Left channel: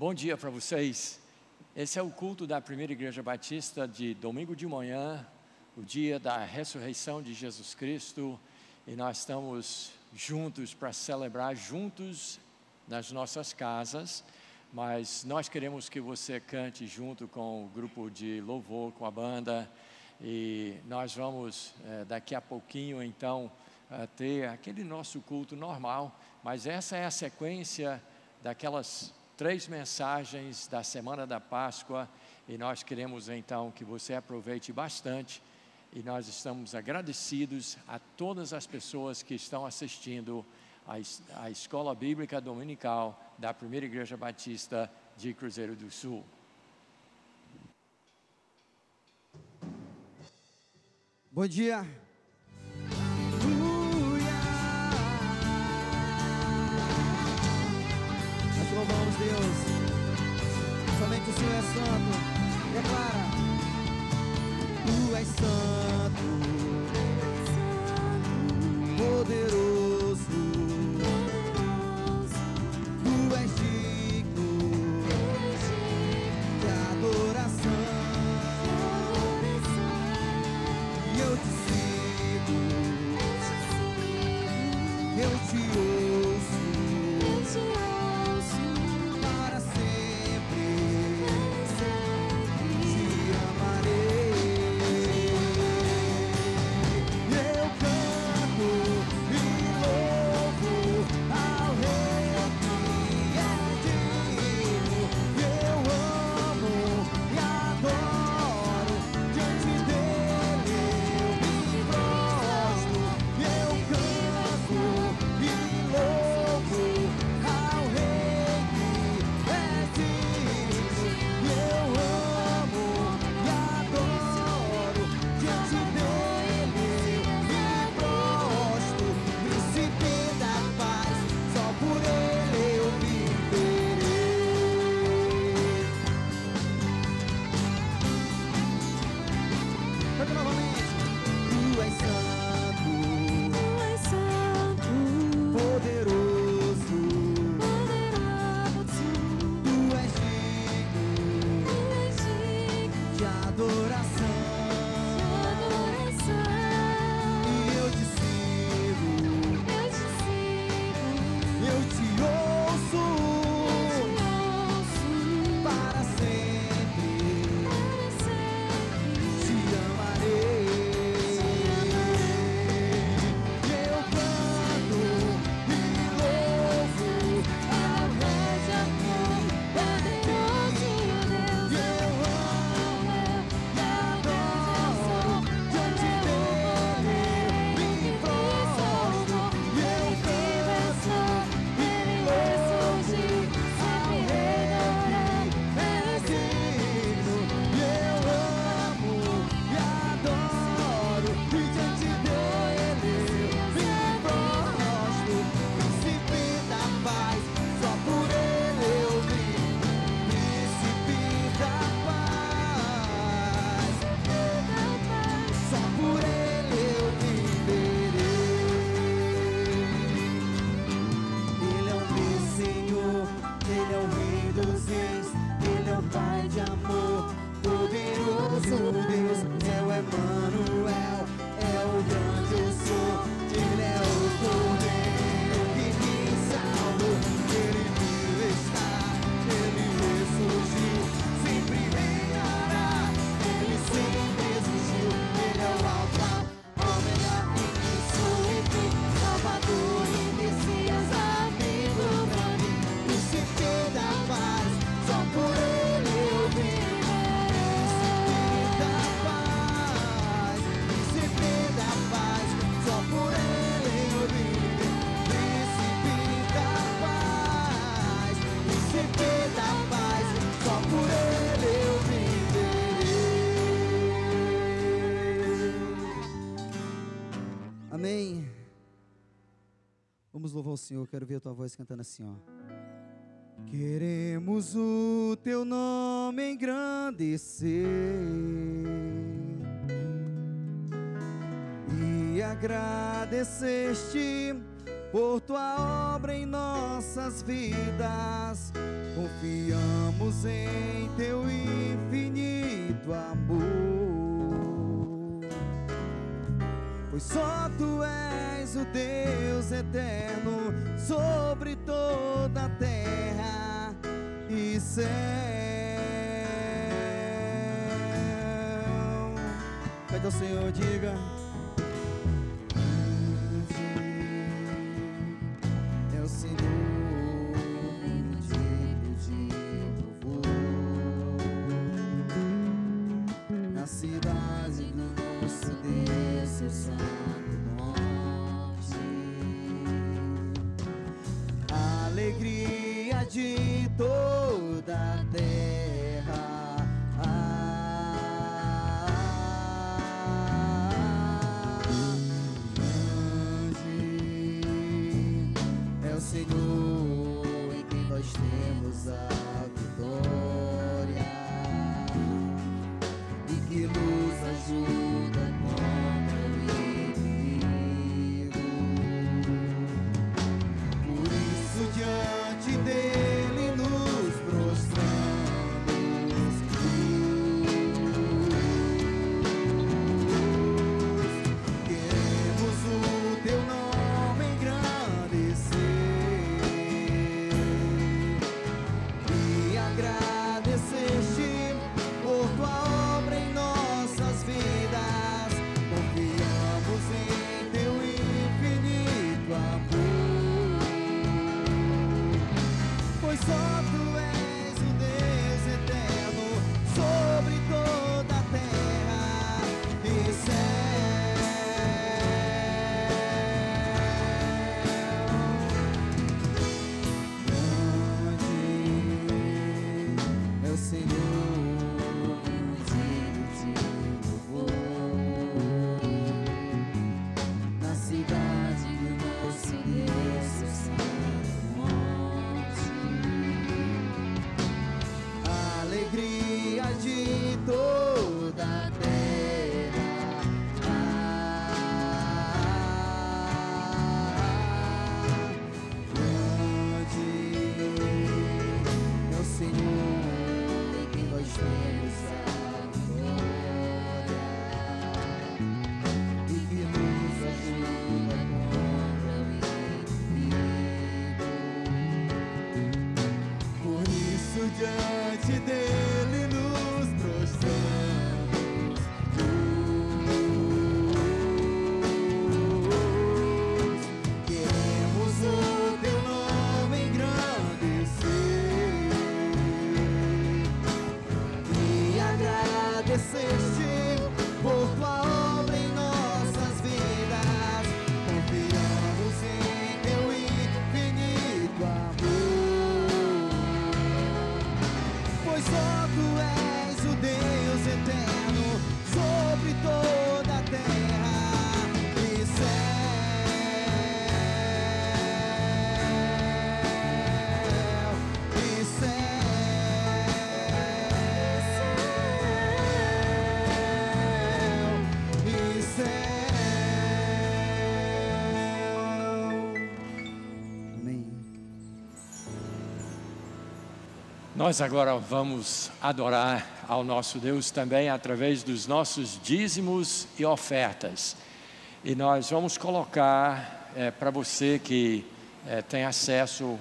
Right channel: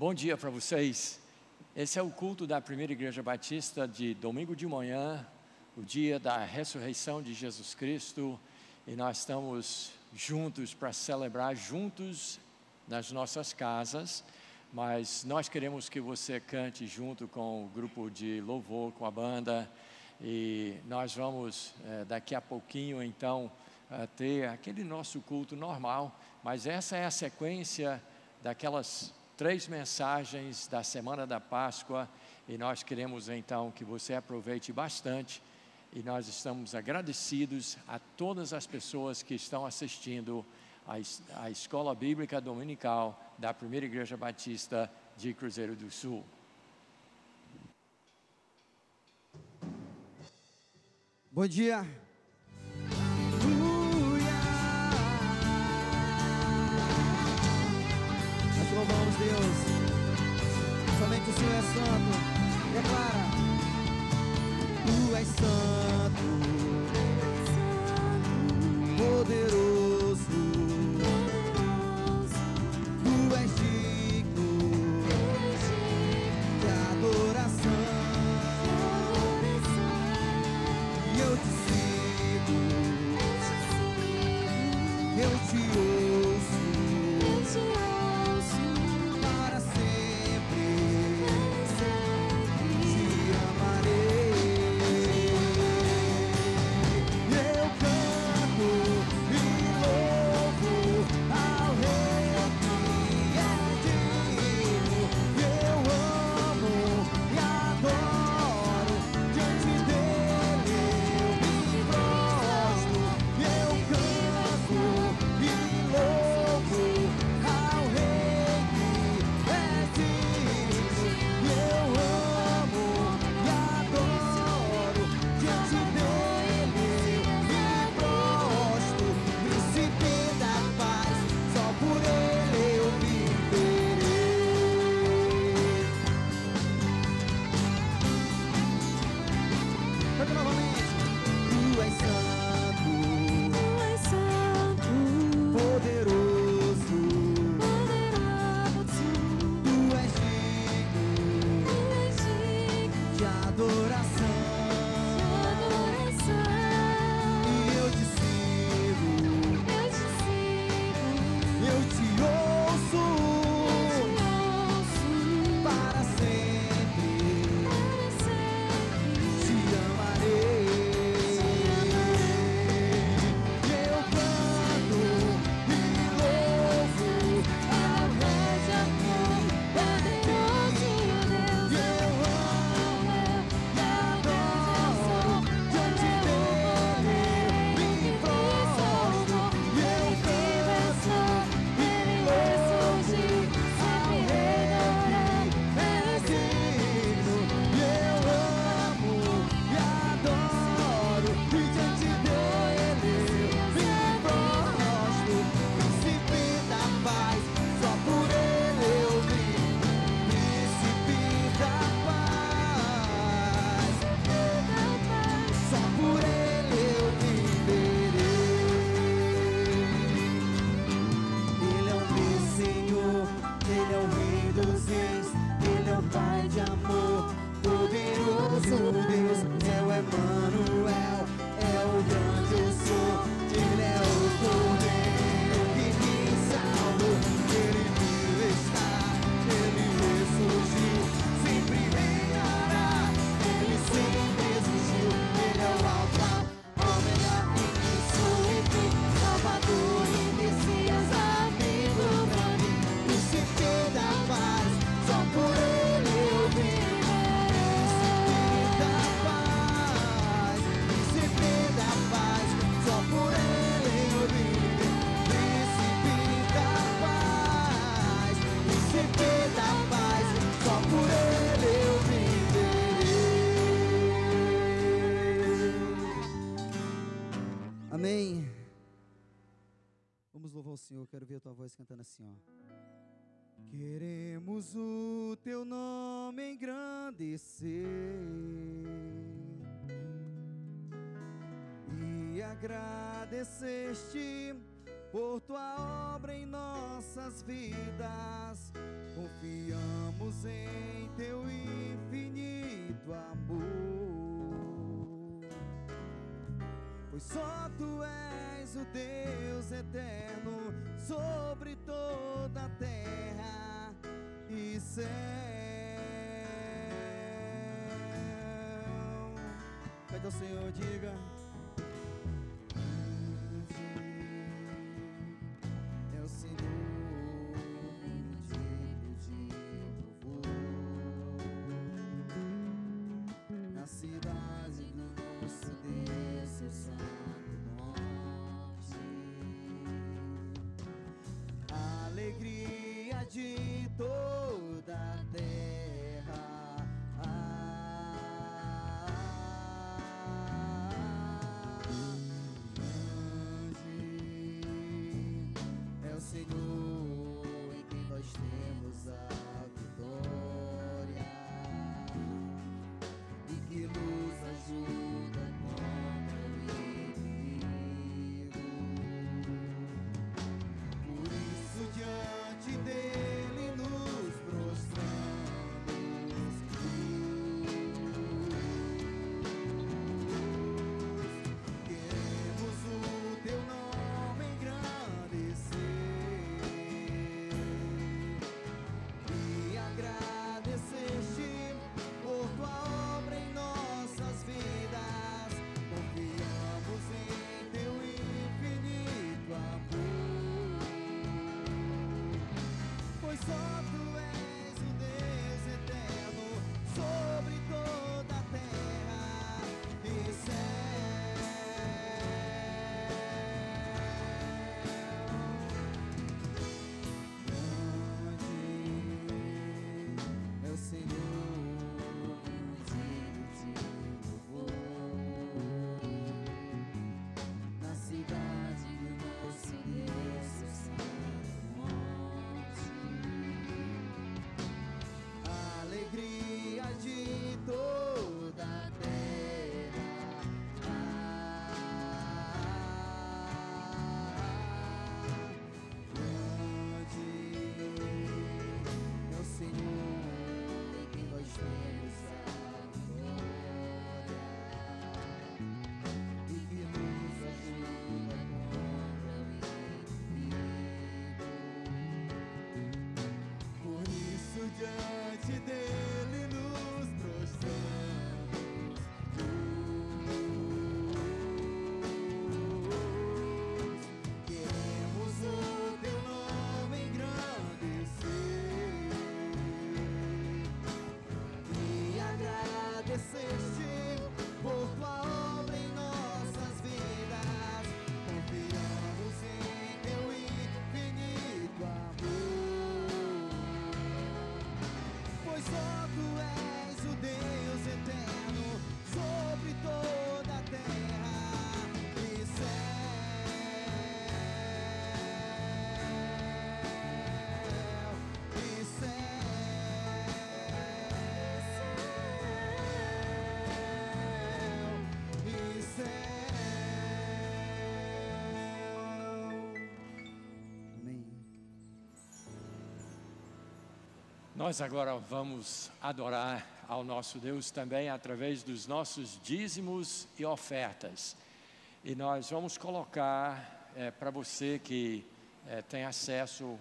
Bom dia para vocês. Esse é o culto da Primeira Igreja Batista de domingo de manhã, o dia da ressurreição de Jesus Cristo, e nós estamos juntos para celebrar juntos nas nossas casas, mas nós queremos que você cante junto com o grupo de louvor, com a banda, e nós vamos daqui a pouquinho então ter aquele nosso culto normal, mas essa é a sequência daquelas 3 mensagens da Semana da Páscoa, e nós queremos então que você aproveite bastante, e nós estamos agradecidos a todas as pessoas que estão assistindo a Escola Bíblica Dominical da Primeira Igreja Batista de Cruzeiro do Sul. Bom dia. Nós louvamos Deus. Somente o Senhor é santo. Declara: Tu és santo, poderoso. Tu és digno de adoração. E eu te sigo, eu te ouço, para sempre te amarei. Eu canto e louvo ao Rei que é digno. Eu amo e adoro, diante dele eu me prostro. Eu canto e louvo ao Rei que é digno. Eu amo e adoro, diante dele eu me prostro. Príncipe da paz, só por ele eu viverei. Canta novamente. Tu és santo, poderoso. Tu és digno de adoração. E eu te sigo, eu te ouço, para sempre te amarei. Eu canto e louvo ao Rei de amor, poderoso Deus. Eu amo e adoro, diante dele me prostro. Eu canto e louvo ao Rei que é digno. Eu amo e adoro, e diante dele me prostro. Príncipe da paz, só por ele eu vivo. Príncipe da paz, só por ele eu viverei. Ele é o meu Senhor, ele é o Rei dos Reis, ele é o Pai de amor, poderoso Deus. É o Emanuel, é o grande eu sou. Ele é o Cordeiro que me salvou. Ele vive está, ele ressurgiu, sempre reinará, ele sempre existiu. Ele é o Alfa, Ômega, início e fim, Salvador e Messias, amigo pra mim. Príncipe da paz, só por ele eu viverei. Príncipe da paz, príncipe da paz, só por ele eu viverei. Príncipe da paz, príncipe da paz, só por ele eu viverei. Amém. Vamos louvar o Senhor. Quero ver a tua voz cantando assim, ó. Queremos o teu nome engrandecer e agradecer-te por tua obra em nossas vidas. Confiamos em teu infinito amor, pois só tu és o Deus eterno sobre toda a terra e céu. Cante ao Senhor, diga: é o Senhor digno de louvor, na cidade do nosso Deus, seu santo monte. A alegria de toda a terra, grande é o Senhor em quem nós temos a vitória e que nos ajuda contra o inimigo. Por isso diante dele nos prostramos, queremos o teu nome engrandecer e agradecer-te por tua obra em nossas vidas. Confiamos em teu infinito amor, pois só tu és o Deus eterno sobre toda a terra e céu. Grande é o Senhor digno de louvor, na cidade do nosso Deus, seu santo monte. A alegria de toda a terra, grande é o Senhor em quem nós temos a vitória e que nos ajuda contra o inimigo. Por isso diante dele nos prostramos, queremos o teu nome engrandecer e agradecer-te por tua obra em nossas vidas. Confiamos em teu infinito amor, pois só tu és o Deus eterno sobre toda a terra e céu, e céu, e céu. Amém. Nós agora vamos adorar ao nosso Deus também através dos nossos dízimos e ofertas. E nós vamos colocar para você que tem acesso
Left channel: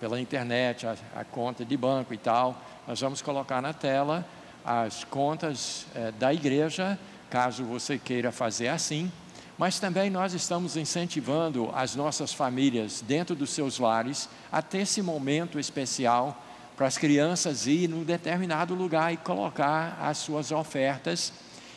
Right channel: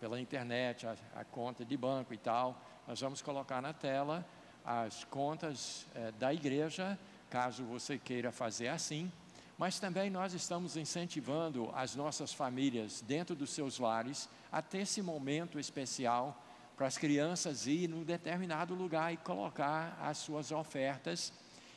pela internet, a conta de banco e tal, nós vamos colocar na tela as contas da igreja, caso você queira fazer assim. Mas também nós estamos incentivando as nossas famílias dentro dos seus lares a ter esse momento especial para as crianças ir num determinado lugar e colocar as suas ofertas.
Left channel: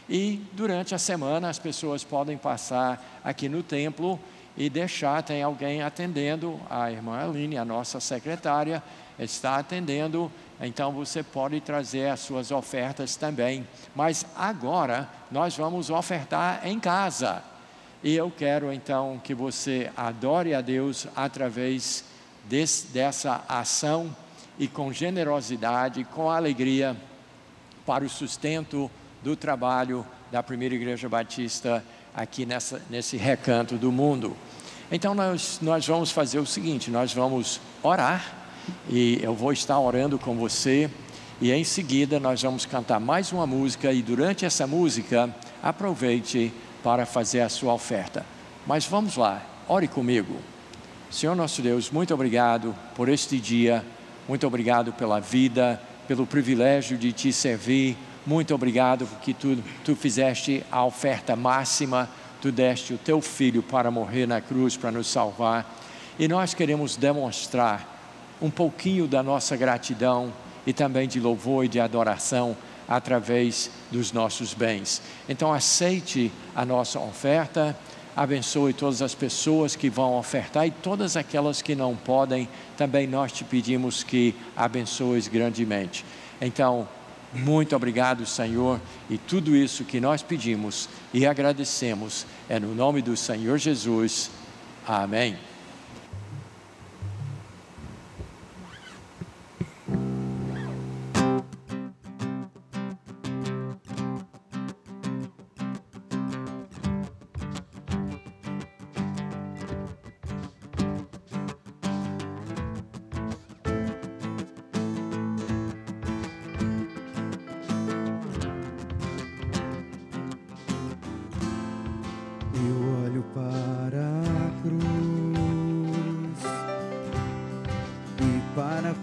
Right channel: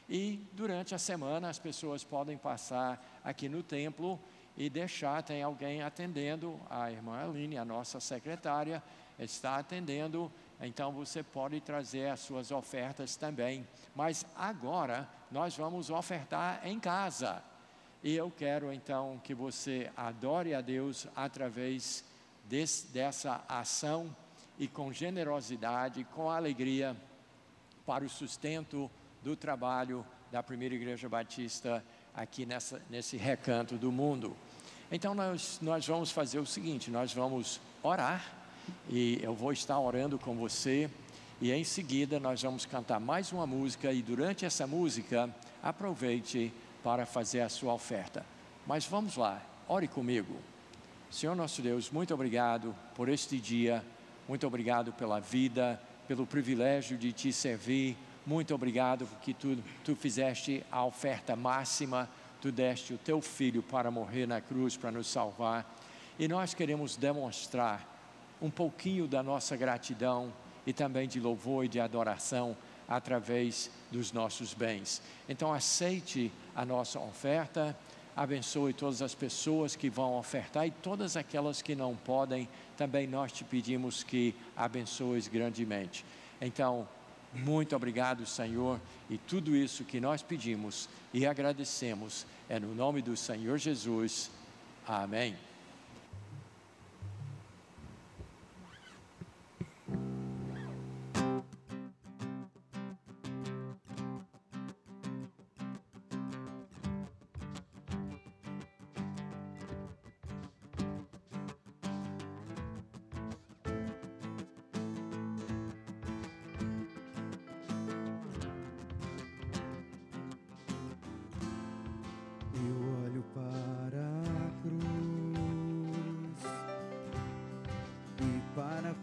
E durante a semana as pessoas podem passar aqui no templo e deixar, tem alguém atendendo, a irmã Aline, a nossa secretária, está atendendo, então você pode trazer as suas ofertas também. Mas agora nós vamos ofertar em casa. E eu quero então que você adore a Deus através dessa ação e com generosidade, com alegria, para o sustento do trabalho da Primeira Igreja Batista aqui nesse recanto do mundo. Então nós vamos fazer o seguinte, nós vamos orar, e eu vou estar orando com você, e em seguida nós vamos cantar mais uma música, e durante essa música, aproveite para fazer a sua oferta. Mas vamos lá, ore comigo. Senhor nosso Deus, muito obrigado por este dia, muito obrigado pela vida, pelo privilégio de te servir, muito obrigado porque tu fizeste a oferta máxima, tu deste o teu filho para morrer na cruz, para nos salvar, e nós queremos demonstrar um pouquinho da nossa gratidão e também de louvor e de adoração através dos nossos bens. Então aceite a nossa oferta, abençoe todas as pessoas que vão ofertar e todas aquelas que não podem, também nós te pedimos que abençoes grandemente. Então, muito obrigado, Senhor, e tudo isso que nós pedimos e agradecemos é no nome do Senhor Jesus. Amém.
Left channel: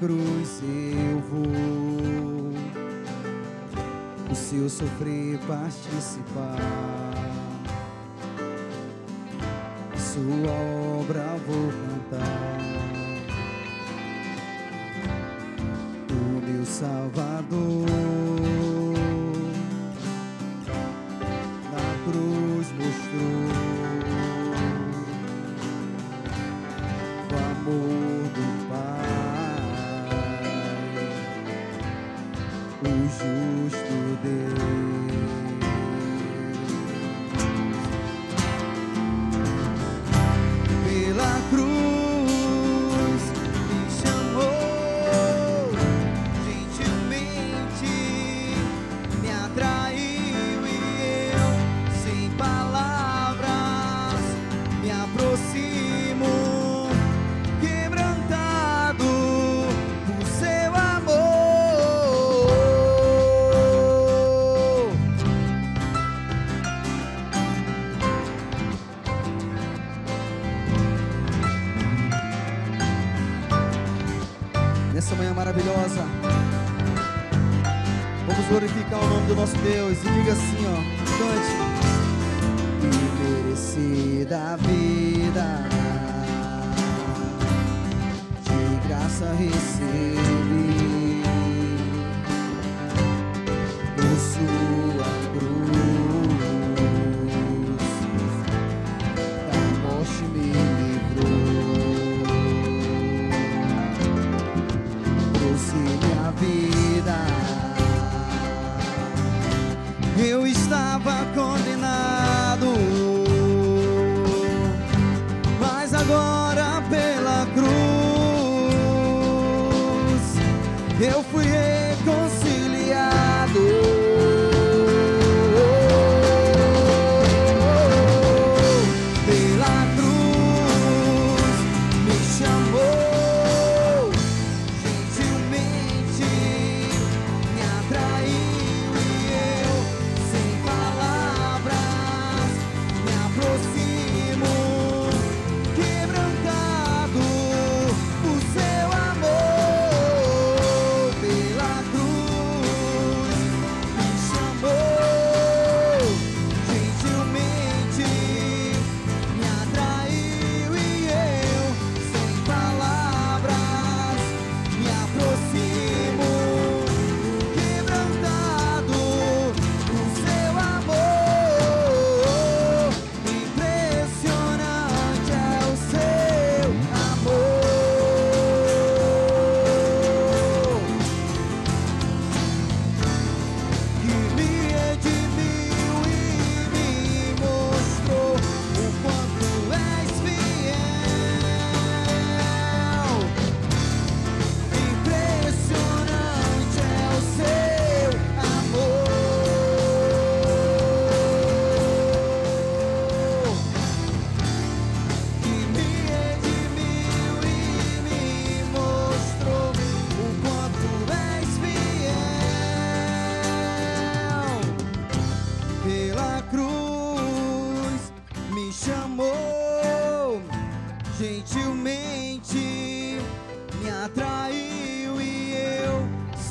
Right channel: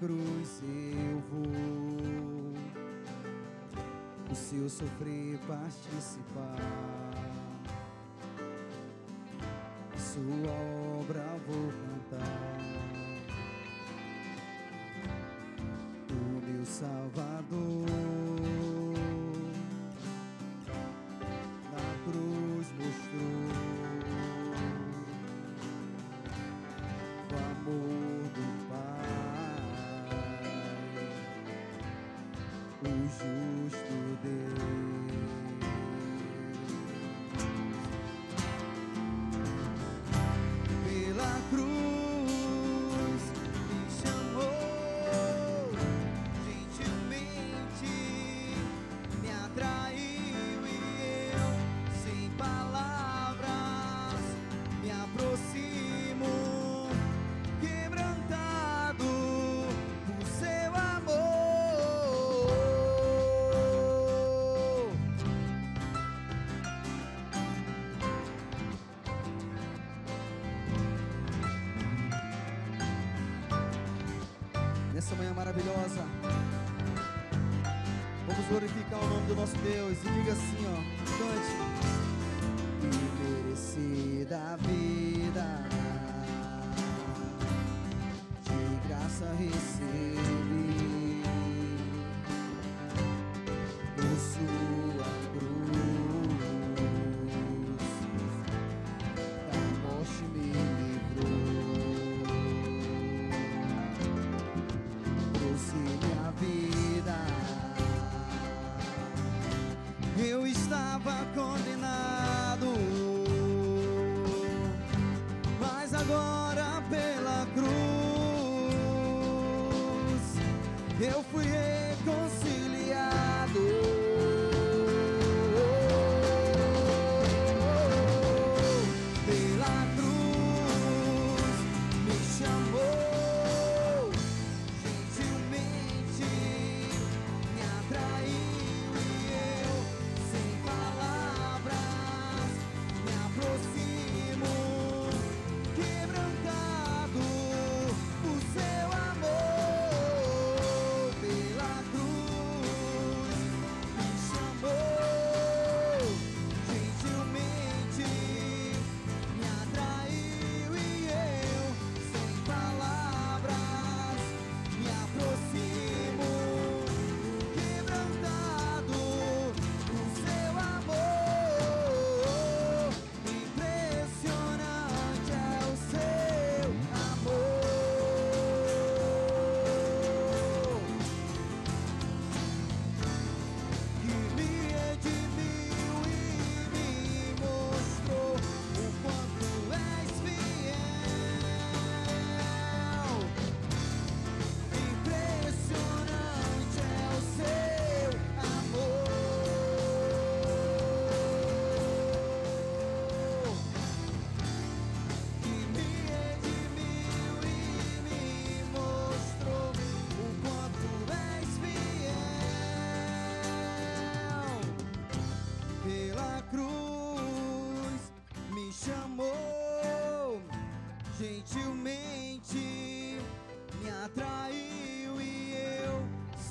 Cruz eu vou, o seu sofrer participar, sua obra vou cantar, o meu Salvador na cruz mostrou o amor do Pai. O justo Deus, pela cruz me chamou, gentilmente me atraiu e eu, sem palavras, me aproximo, quebrantado por seu amor. Nessa manhã maravilhosa, vamos glorificar o nome do nosso Deus e diga assim, ó, cante. Imerecida vida, de graça recebi, por sua cruz, da morte me livrou. Minha vida, eu estava condenado, mas agora pela cruz eu fui reconciliado. Pela cruz me chamou.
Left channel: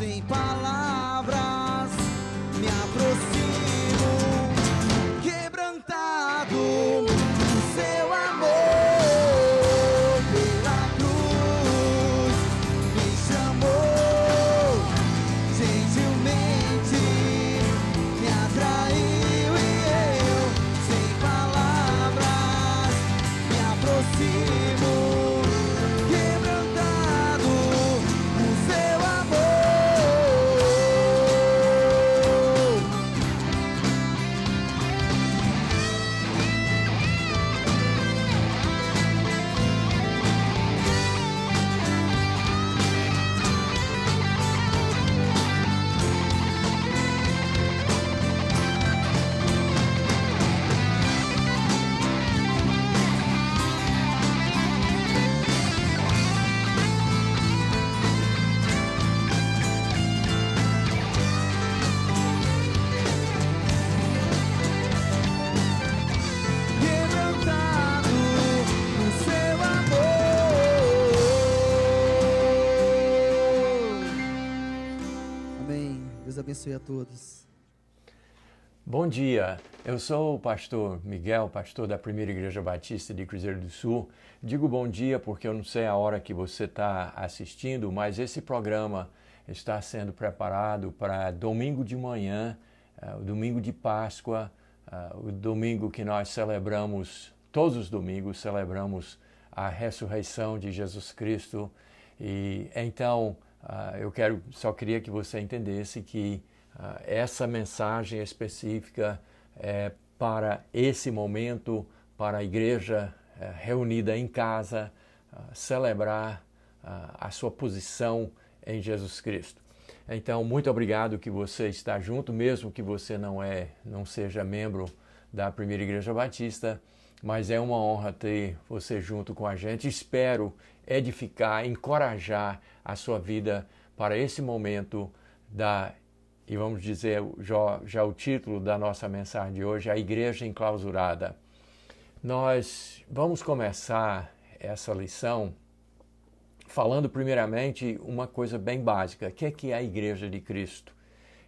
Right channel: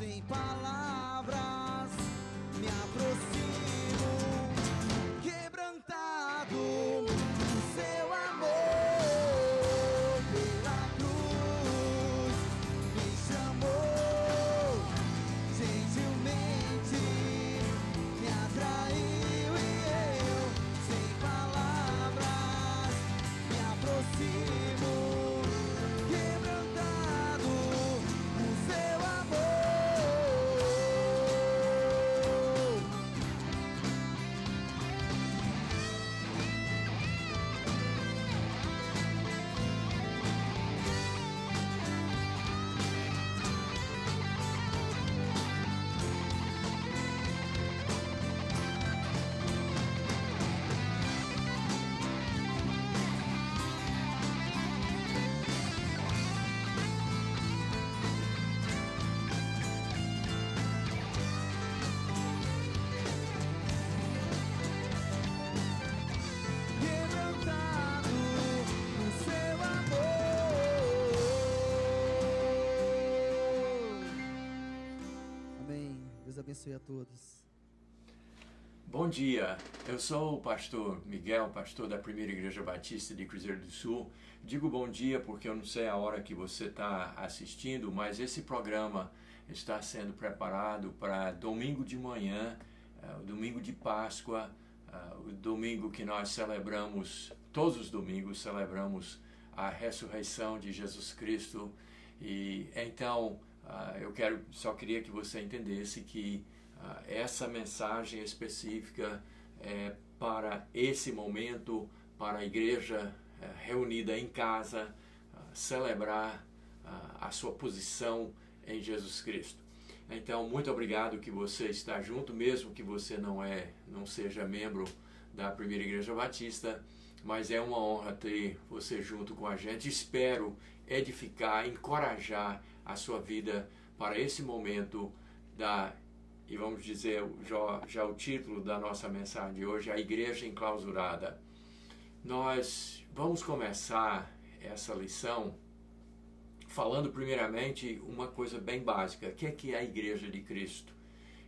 sem palavras, me aproximo, quebrantado, o seu amor pela cruz me chamou, gentilmente me atraiu e eu, sem palavras, me aproximo, quebrantado, o seu amor. Quebrantado no seu amor. Amém. Deus abençoe a todos. Bom dia, eu sou o pastor Miguel, pastor da Primeira Igreja Batista de Cruzeiro do Sul. Digo bom dia porque eu não sei a hora que você está assistindo, mas esse programa está sendo preparado para domingo de manhã, o domingo de Páscoa, o domingo que nós celebramos, todos os domingos celebramos a ressurreição de Jesus Cristo. E então eu só queria que você entendesse que essa mensagem específica é para esse momento, para a igreja reunida em casa, celebrar a sua posição em Jesus Cristo. Então, muito obrigado que você está junto, mesmo que você não seja membro da Primeira Igreja Batista, mas é uma honra ter você junto com a gente. Espero edificar, encorajar a sua vida para esse momento e vamos dizer já o título da nossa mensagem de hoje, a Igreja Enclausurada. Nós vamos começar essa lição falando primeiramente uma coisa bem básica. O que é a Igreja de Cristo?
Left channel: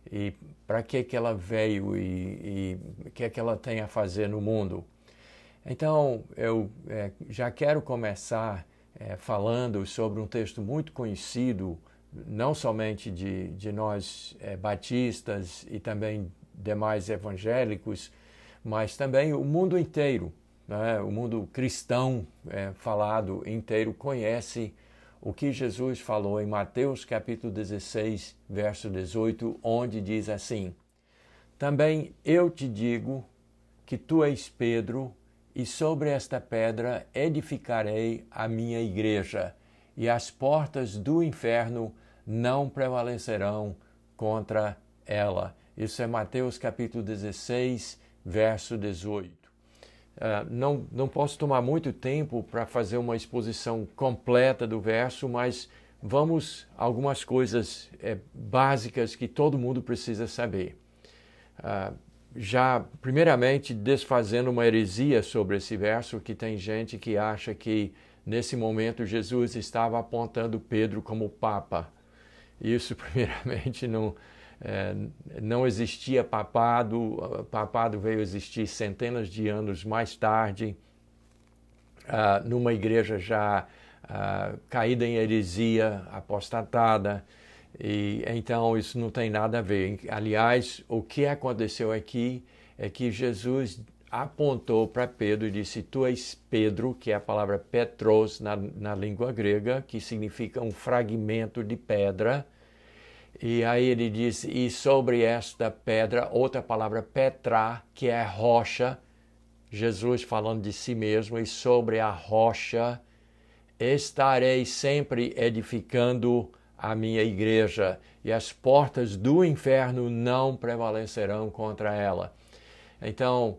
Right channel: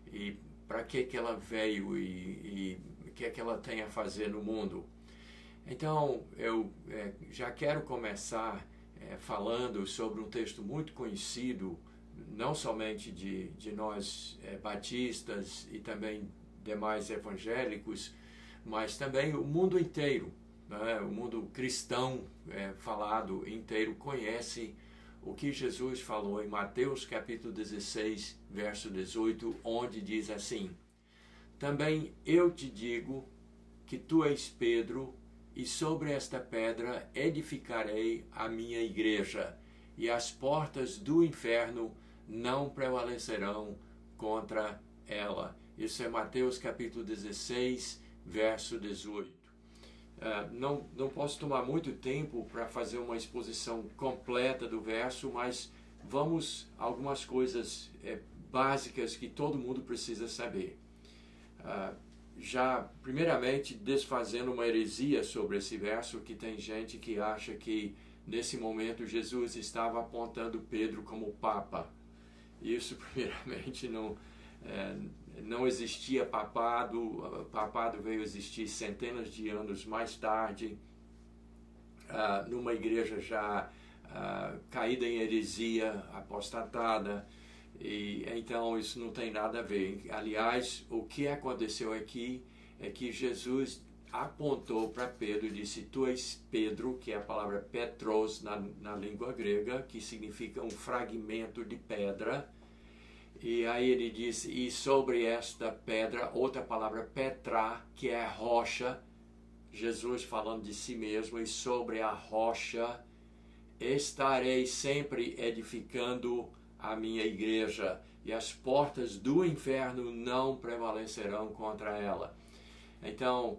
E para que ela veio e o que ela tem a fazer no mundo? Então, eu já quero começar falando sobre um texto muito conhecido, não somente de nós batistas e também demais evangélicos, mas também o mundo inteiro, né? O mundo cristão falado inteiro conhece o que Jesus falou em Mateus capítulo 16, verso 18, onde diz assim: também eu te digo que tu és Pedro, e sobre esta pedra edificarei a minha igreja, e as portas do inferno não prevalecerão contra ela. Isso é Mateus capítulo 16, verso 18. Não posso tomar muito tempo para fazer uma exposição completa do verso, mas vamos a algumas coisas básicas que todo mundo precisa saber. Já, primeiramente, desfazendo uma heresia sobre esse verso, que tem gente que acha que nesse momento Jesus estava apontando Pedro como Papa. Isso, primeiramente, não existia papado. O papado veio existir centenas de anos mais tarde, numa igreja já caída em heresia, apostatada, e então isso não tem nada a ver. Aliás, o que aconteceu aqui é que Jesus apontou para Pedro e disse: tu és Pedro, que é a palavra Petros na língua grega, que significa um fragmento de pedra. E aí ele disse: e sobre esta pedra, outra palavra Petra, que é rocha, Jesus falando de si mesmo, e sobre a rocha estarei sempre edificando a minha igreja, e as portas do inferno não prevalecerão contra ela. Então,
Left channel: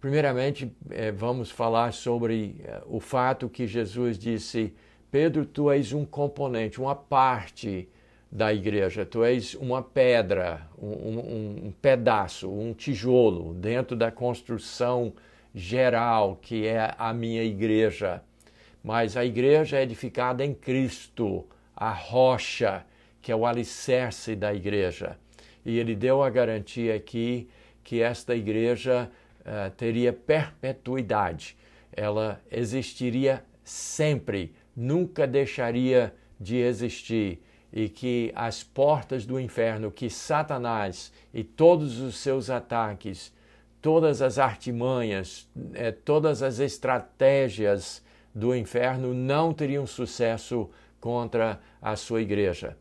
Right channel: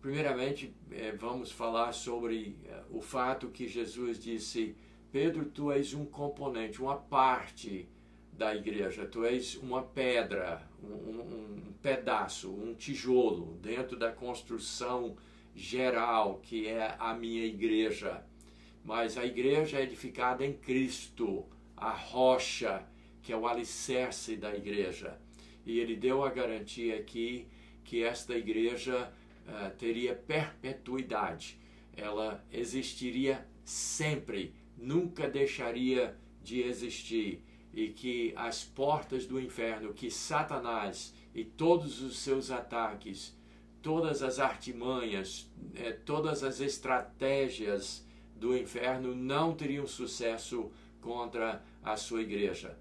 primeiramente, vamos falar sobre o fato que Jesus disse: Pedro, tu és um componente, uma parte da igreja, tu és uma pedra, um pedaço, um tijolo dentro da construção geral que é a minha igreja. Mas a igreja é edificada em Cristo, a rocha, que é o alicerce da igreja. E ele deu a garantia aqui que esta igreja teria perpetuidade. Ela existiria sempre, nunca deixaria de existir, e que as portas do inferno, que Satanás e todos os seus ataques, todas as artimanhas, todas as estratégias do inferno não teriam sucesso contra a sua igreja.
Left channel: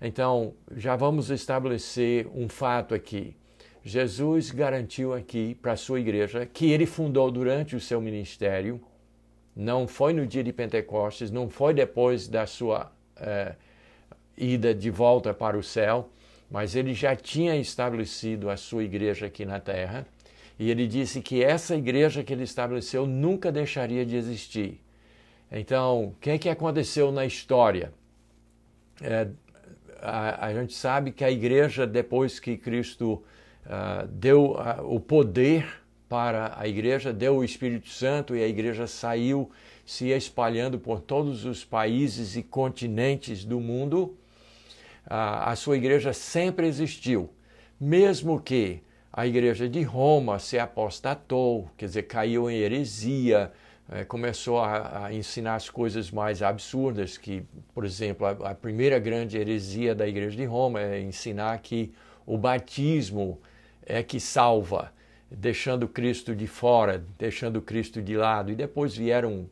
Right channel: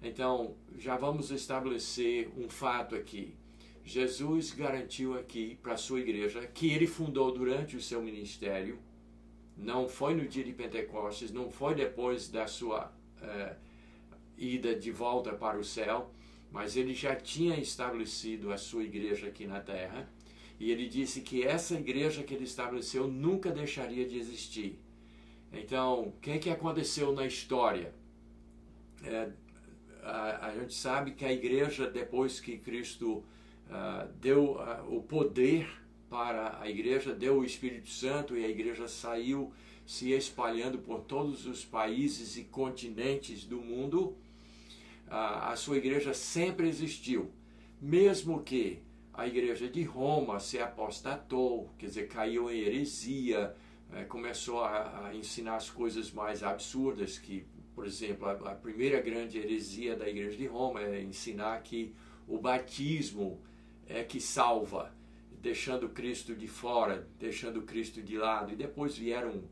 Então, já vamos estabelecer um fato aqui. Jesus garantiu aqui para a sua igreja, que ele fundou durante o seu ministério, não foi no dia de Pentecostes, não foi depois da sua ida de volta para o céu, mas ele já tinha estabelecido a sua igreja aqui na terra, e ele disse que essa igreja que ele estabeleceu nunca deixaria de existir. Então, o que aconteceu na história? A gente sabe que a igreja, depois que Cristo deu o poder para a igreja, deu o Espírito Santo, e a igreja saiu se espalhando por todos os países e continentes do mundo, a sua igreja sempre existiu. Mesmo que a igreja de Roma se apostatou, quer dizer, caiu em heresia, começou a ensinar as coisas mais absurdas, que, por exemplo, a primeira grande heresia da igreja de Roma é ensinar que o batismo é que salva, deixando Cristo de fora, deixando Cristo de lado, e depois vieram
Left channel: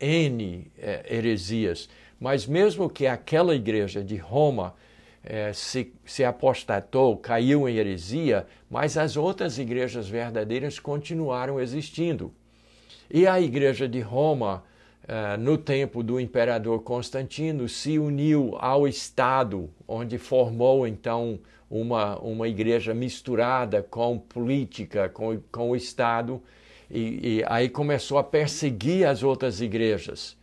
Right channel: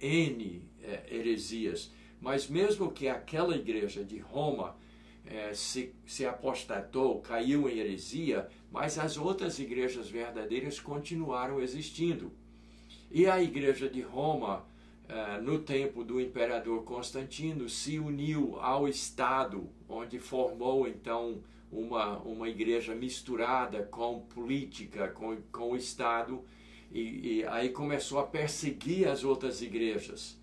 N heresias. Mas mesmo que aquela igreja de Roma se apostatou, caiu em heresia, mas as outras igrejas verdadeiras continuaram existindo. E a igreja de Roma, no tempo do imperador Constantino, se uniu ao Estado, onde formou então uma igreja misturada com política, com o Estado, e aí começou a perseguir as outras igrejas.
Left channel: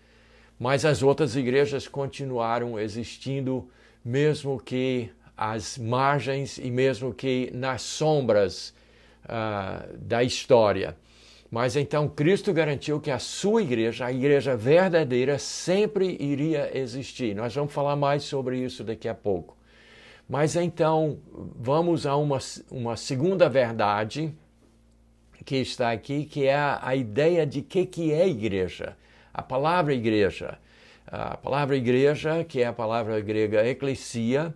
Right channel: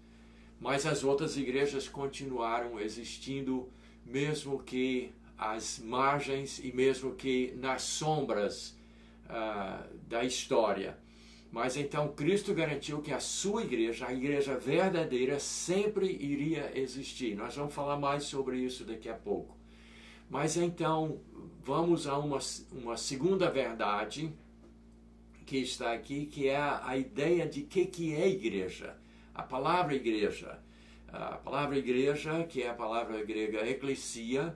Mas as outras igrejas continuaram existindo, mesmo que às margens e mesmo que nas sombras da história. Mas então Cristo garantiu que a sua igreja, a igreja verdadeira, sempre iria existir. Nós vamos falar mais sobre isso daqui a pouco. Mas então vamos a uma segunda verdade que está aqui, que é a ideia de que é igreja. A palavra igreja. A palavra igreja, que é a palavra grega eklesia,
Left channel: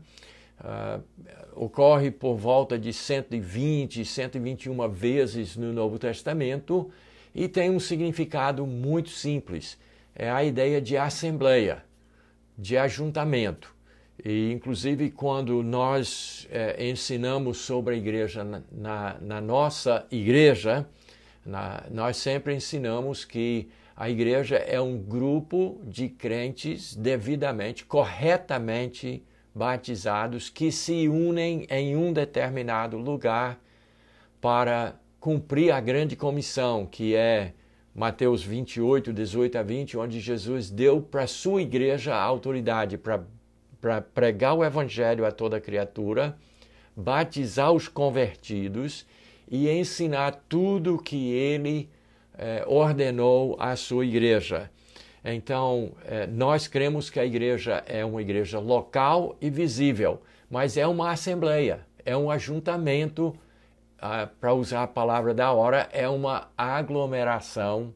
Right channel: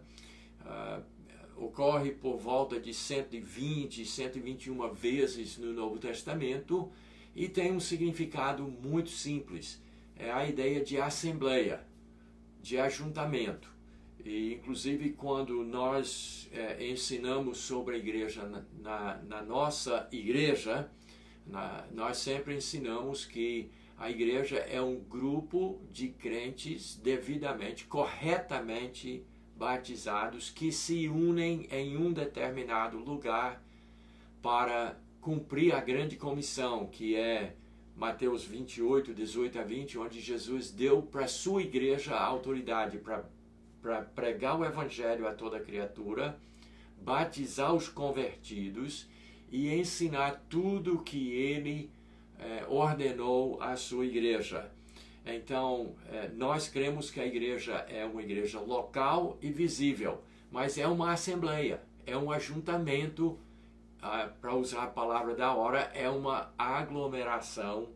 ocorre por volta de 120, 121 vezes no Novo Testamento e tem um significado muito simples. É a ideia de assembleia, de ajuntamento. E, inclusive, quando nós ensinamos sobre a igreja na nossa igreja, nós sempre ensinamos que a igreja é um grupo de crentes devidamente, corretamente batizados que se unem em um determinado lugar para cumprir a grande comissão, que é Mateus 28, 18 a 20, onde Jesus deu para a sua igreja a autoridade para pregar o evangelho a toda criatura, batizar os convertidos e ensinar tudo o que ele ordenou à sua igreja. Então, nós cremos que a igreja é uma igreja local e visível, mas é uma assembleia, é um ajuntamento, para usar a palavra da hora, é uma aglomeração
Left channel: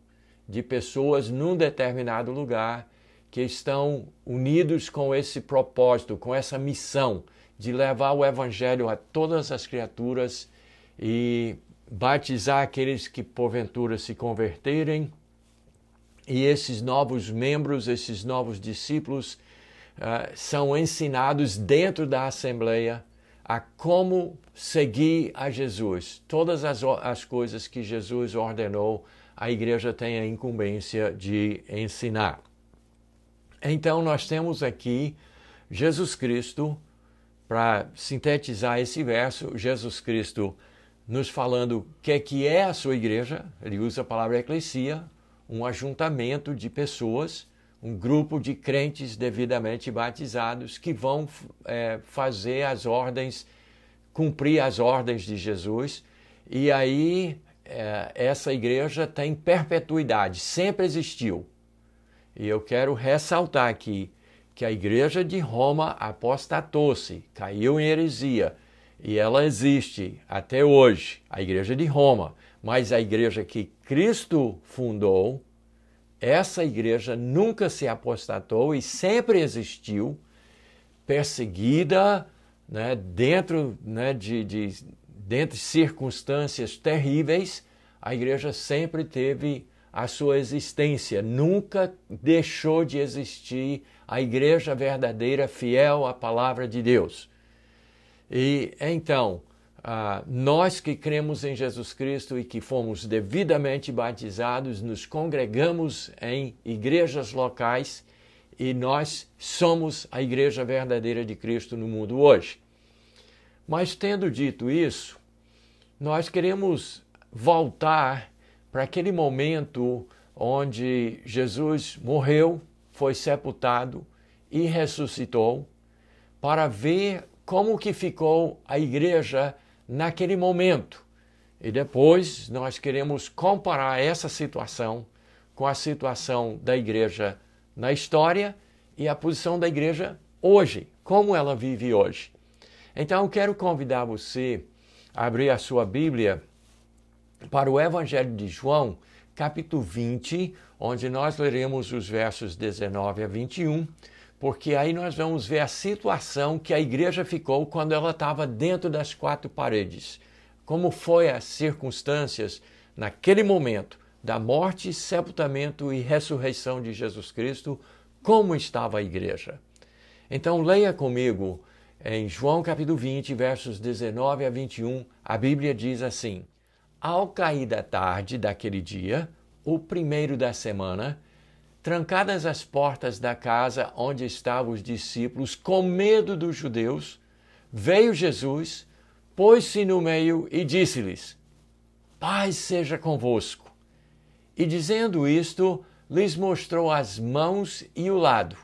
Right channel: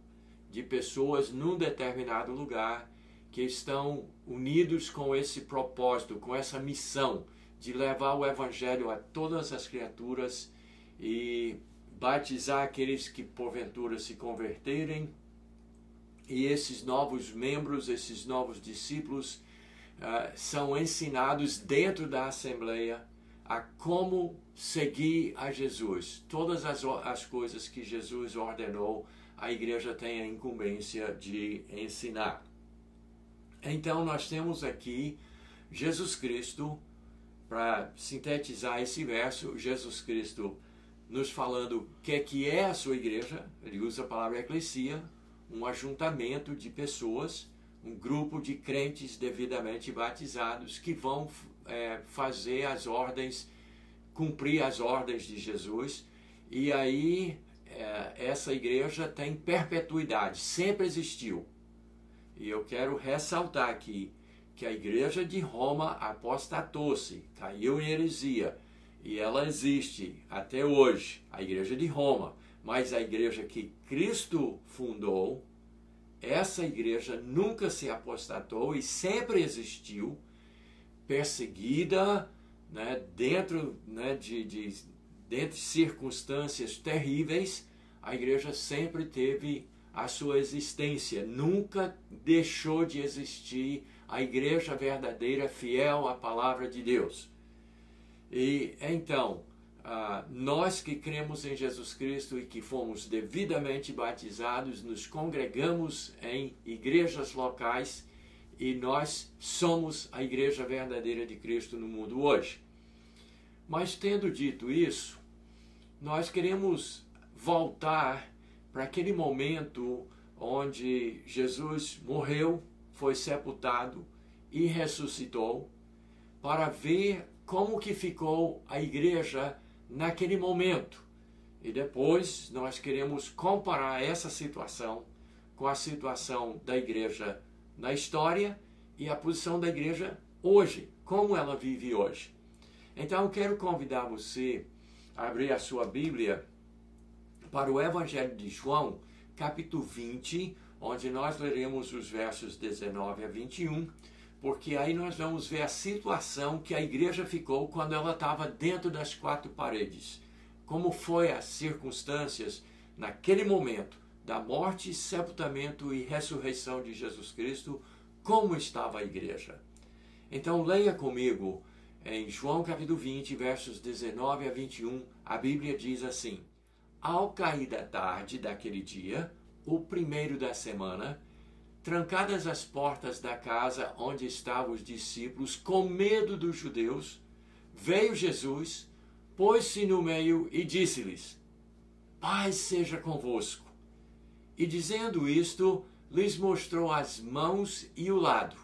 de pessoas num determinado lugar que estão unidos com esse propósito, com essa missão de levar o evangelho a todas as criaturas e batizar aqueles que porventura se converterem. E esses novos membros, esses novos discípulos são ensinados dentro da Assembleia a como seguir a Jesus. Todas as coisas que Jesus ordenou, a igreja tem a incumbência de ensinar. Então, nós temos aqui Jesus Cristo, para sintetizar esse verso, Jesus Cristo nos falando o que é a sua igreja. Ele usa a palavra eclesia, um ajuntamento de pessoas, um grupo de crentes devidamente batizados que vão fazer as ordens, cumprir as ordens de Jesus. E aí essa igreja tem perpetuidade, sempre existiu. E eu quero ressaltar aqui que a igreja de Roma apostatou-se, caiu em heresia, e ela existe até hoje, a igreja de Roma. Mas a igreja que Cristo fundou, essa igreja nunca se apostatou e sempre existiu, perseguida, né, dentro de circunstâncias terríveis. A igreja sempre teve a sua existência, nunca deixou de existir a igreja verdadeira, fiel à palavra de Deus. E então, nós que cremos em Jesus Cristo e que fomos devidamente batizados, nos congregamos em igrejas locais e nós somos a igreja verdadeira de Cristo no mundo hoje. Mas tendo dito isso, nós queremos voltar para aquele momento onde Jesus morreu, foi sepultado e ressuscitou, para ver como que ficou a igreja naquele momento. E depois nós queremos comparar essa situação com a situação da igreja na história e a posição da igreja hoje, como ela vive hoje. Então eu quero convidar você a abrir a sua Bíblia para o Evangelho de João, capítulo 20, onde nós leremos os versos 19 a 21, porque aí nós vamos ver a situação que a igreja ficou quando ela estava dentro das quatro paredes. Como foi as circunstâncias naquele momento da morte, sepultamento e ressurreição de Jesus Cristo, como estava a igreja. Então leia comigo em João capítulo 20, versos 19 a 21, a Bíblia diz assim: Ao cair da tarde daquele dia, o primeiro da semana, trancadas as portas da casa onde estavam os discípulos, com medo dos judeus, veio Jesus, pôs-se no meio e disse-lhes: Paz seja convosco. E dizendo isto, lhes mostrou as mãos e o lado.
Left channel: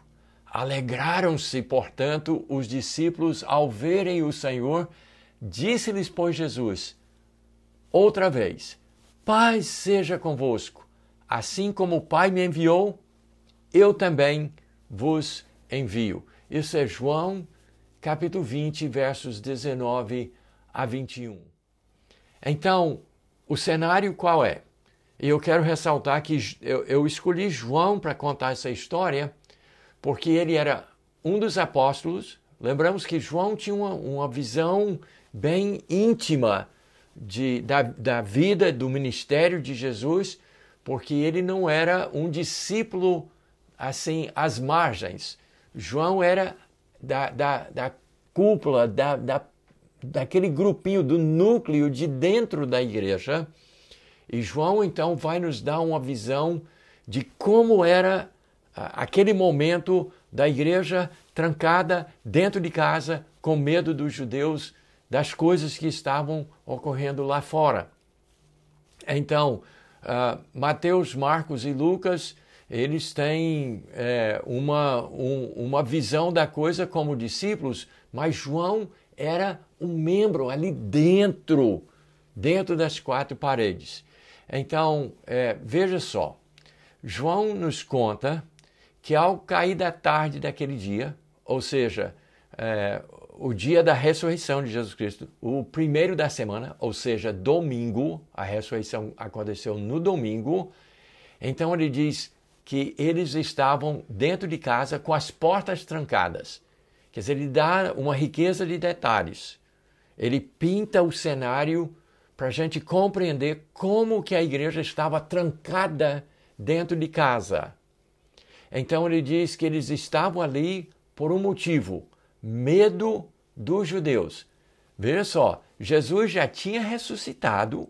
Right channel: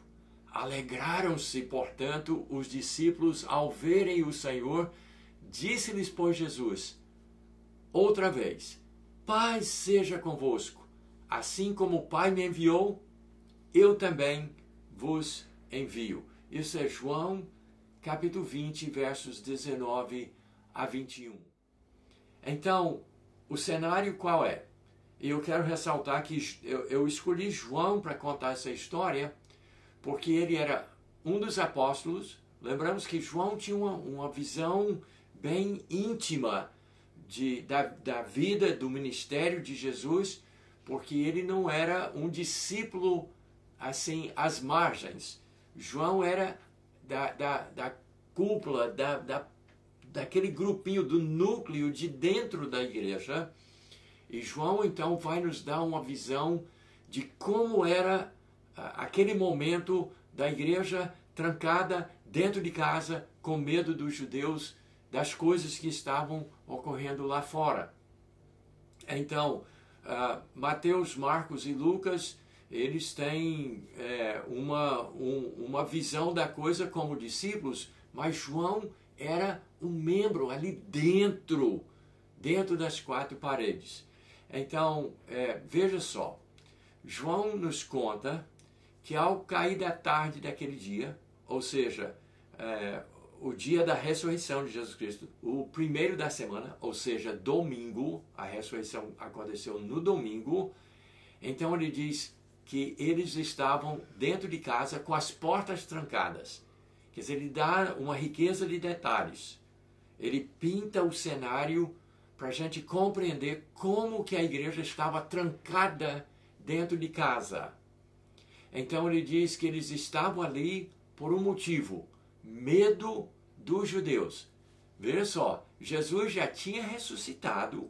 Alegraram-se, portanto, os discípulos ao verem o Senhor. Disse-lhes, pois, Jesus, outra vez: Paz seja convosco. Assim como o Pai me enviou, eu também vos envio. Isso é João, capítulo 20, versos 19 a 21. Então, o cenário qual é? E eu quero ressaltar que eu escolhi João para contar essa história, porque ele era um dos apóstolos. Lembramos que João tinha uma visão bem íntima da vida, do ministério de Jesus, porque ele não era um discípulo assim, às margens. João era da cúpula, daquele grupinho, do núcleo de dentro da igreja. E João, então, vai nos dar uma visão de como era aquele momento da igreja trancada dentro de casa, com medo dos judeus, das coisas que estavam ocorrendo lá fora. Então, Mateus, Marcos e Lucas, eles têm uma visão da coisa como discípulos, mas João era um membro ali dentro das quatro paredes. Então, veja só, João nos conta que ao cair da tarde daquele dia, ou seja, o dia da ressurreição de Jesus Cristo, o primeiro da semana, ou seja, domingo, a ressurreição aconteceu no domingo, então ele diz que eles estavam dentro de casa com as portas trancadas. Quer dizer, ele dá uma riqueza de detalhes. Ele pinta o cenário para a gente compreender como que a igreja estava trancada dentro de casa. Então ele diz que eles estavam ali por um motivo: medo dos judeus. Veja só, Jesus já tinha ressuscitado.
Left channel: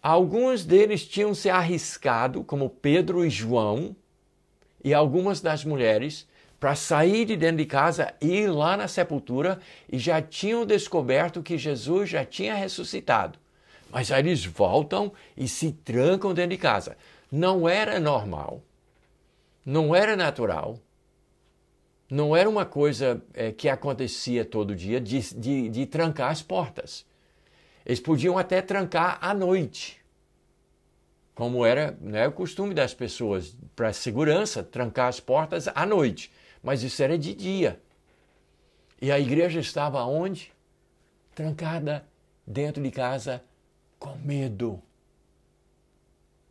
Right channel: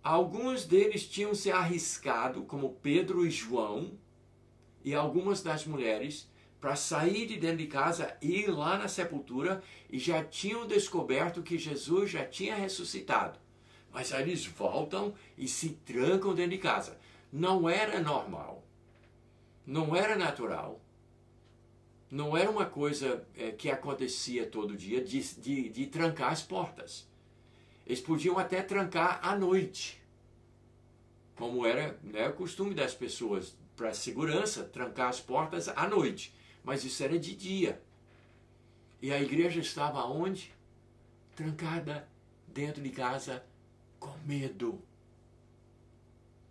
Alguns deles tinham se arriscado, como Pedro e João, e algumas das mulheres, para sair de dentro de casa e ir lá na sepultura, e já tinham descoberto que Jesus já tinha ressuscitado. Mas aí eles voltam e se trancam dentro de casa. Não era normal, não era natural, não era uma coisa que acontecia todo dia de trancar as portas. Eles podiam até trancar à noite, como era, né, o costume das pessoas, para segurança, trancar as portas à noite. mas isso era de dia. E a igreja estava onde? Trancada dentro de casa com medo.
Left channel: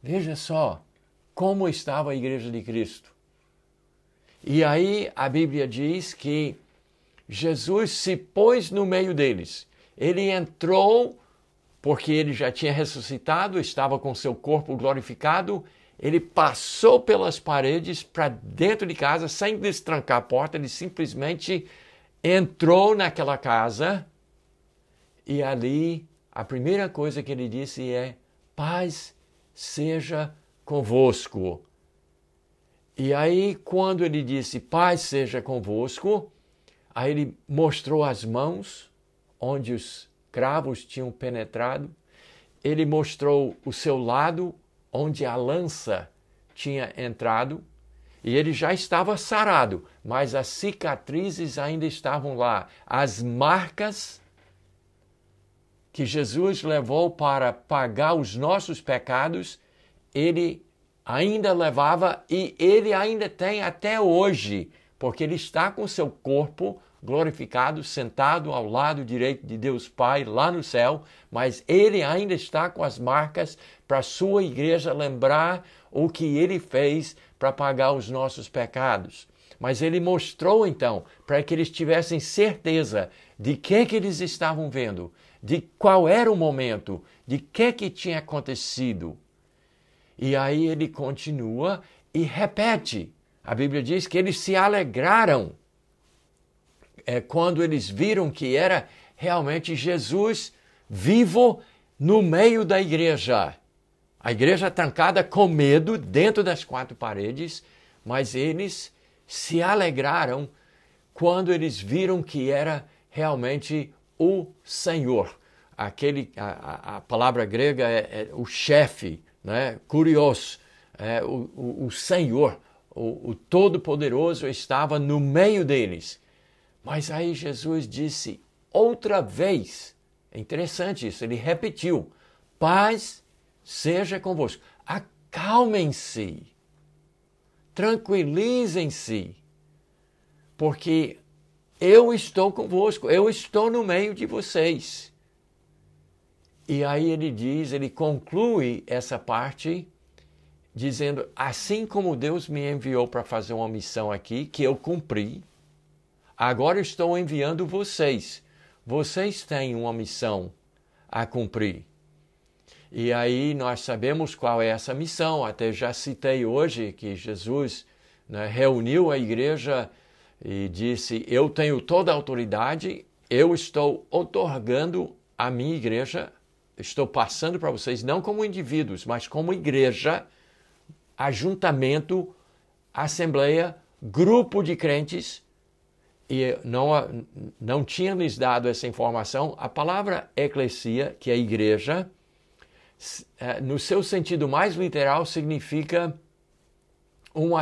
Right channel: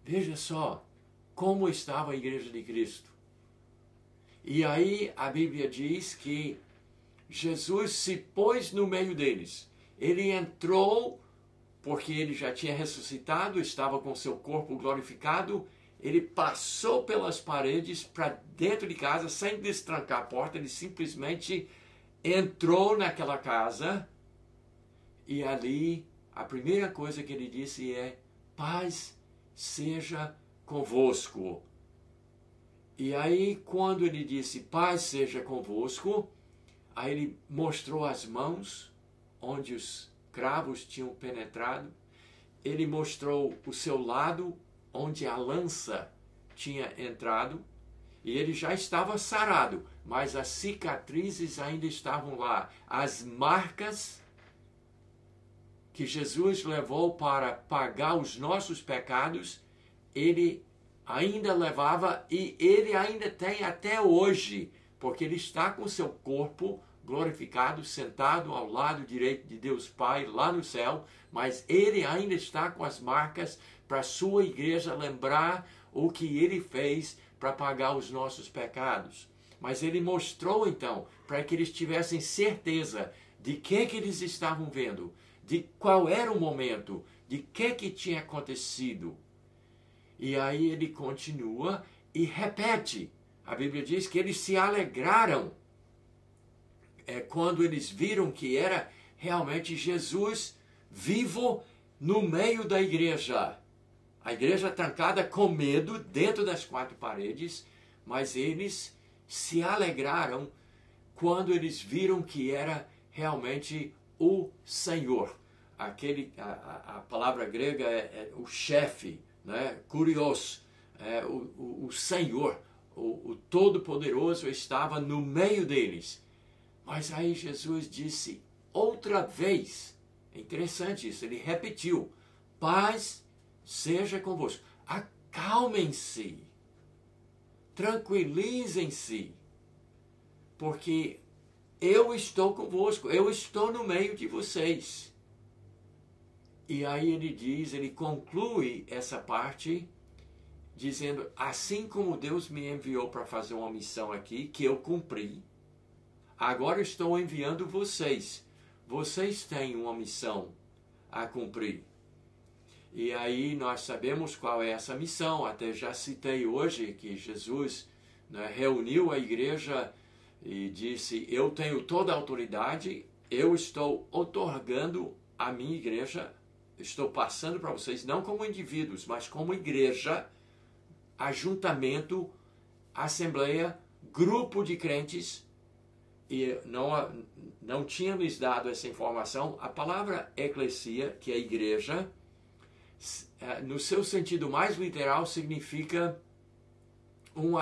Veja só como estava a igreja de Cristo. E aí a Bíblia diz que Jesus se pôs no meio deles. Ele entrou porque ele já tinha ressuscitado, estava com seu corpo glorificado. Ele passou pelas paredes para dentro de casa sem destrancar a porta. Ele simplesmente entrou naquela casa e ali a primeira coisa que ele disse é: paz seja convosco. E aí, quando ele disse paz seja convosco, aí ele mostrou as mãos onde os cravos tinham penetrado. Ele mostrou o seu lado onde a lança tinha entrado. E ele já estava sarado, mas as cicatrizes ainda estavam lá. As marcas que Jesus levou para pagar os nossos pecados, ele ainda levava e ele ainda tem até hoje, porque ele está com seu corpo glorificado, sentado ao lado direito de Deus Pai, lá no céu, mas ele ainda está com as marcas para a sua igreja lembrar o que ele fez para pagar os nossos pecados. Mas ele mostrou então, para que eles tivessem certeza de que eles estavam vendo, de qual era o momento, de que tinha acontecido. E aí ele continua e repete. A Bíblia diz que eles se alegraram quando eles viram que era realmente Jesus vivo no meio da igreja. A igreja trancada com medo dentro das quatro paredes, mas eles se alegraram quando eles viram que era realmente o Senhor. A palavra grega é o chefe, né? Kurios, o Senhor, o Todo-Poderoso estava no meio deles. Mas aí Jesus disse outra vez, é interessante isso, ele repetiu: paz seja convosco. Acalmem-se, tranquilizem-se, porque eu estou convosco, eu estou no meio de vocês. E aí ele conclui essa parte dizendo: assim como Deus me enviou para fazer uma missão aqui, que eu cumpri, agora estou enviando vocês. Vocês têm uma missão a cumprir. E aí nós sabemos qual é essa missão. Até já citei hoje que Jesus, né, reuniu a igreja e disse: eu tenho toda a autoridade, eu estou outorgando a minha igreja, estou passando para vocês, não como indivíduos, mas como igreja, ajuntamento, assembleia, grupo de crentes. E não tinha lhes dado essa informação. A palavra eclesia, que é igreja, no seu sentido mais literal, significa uma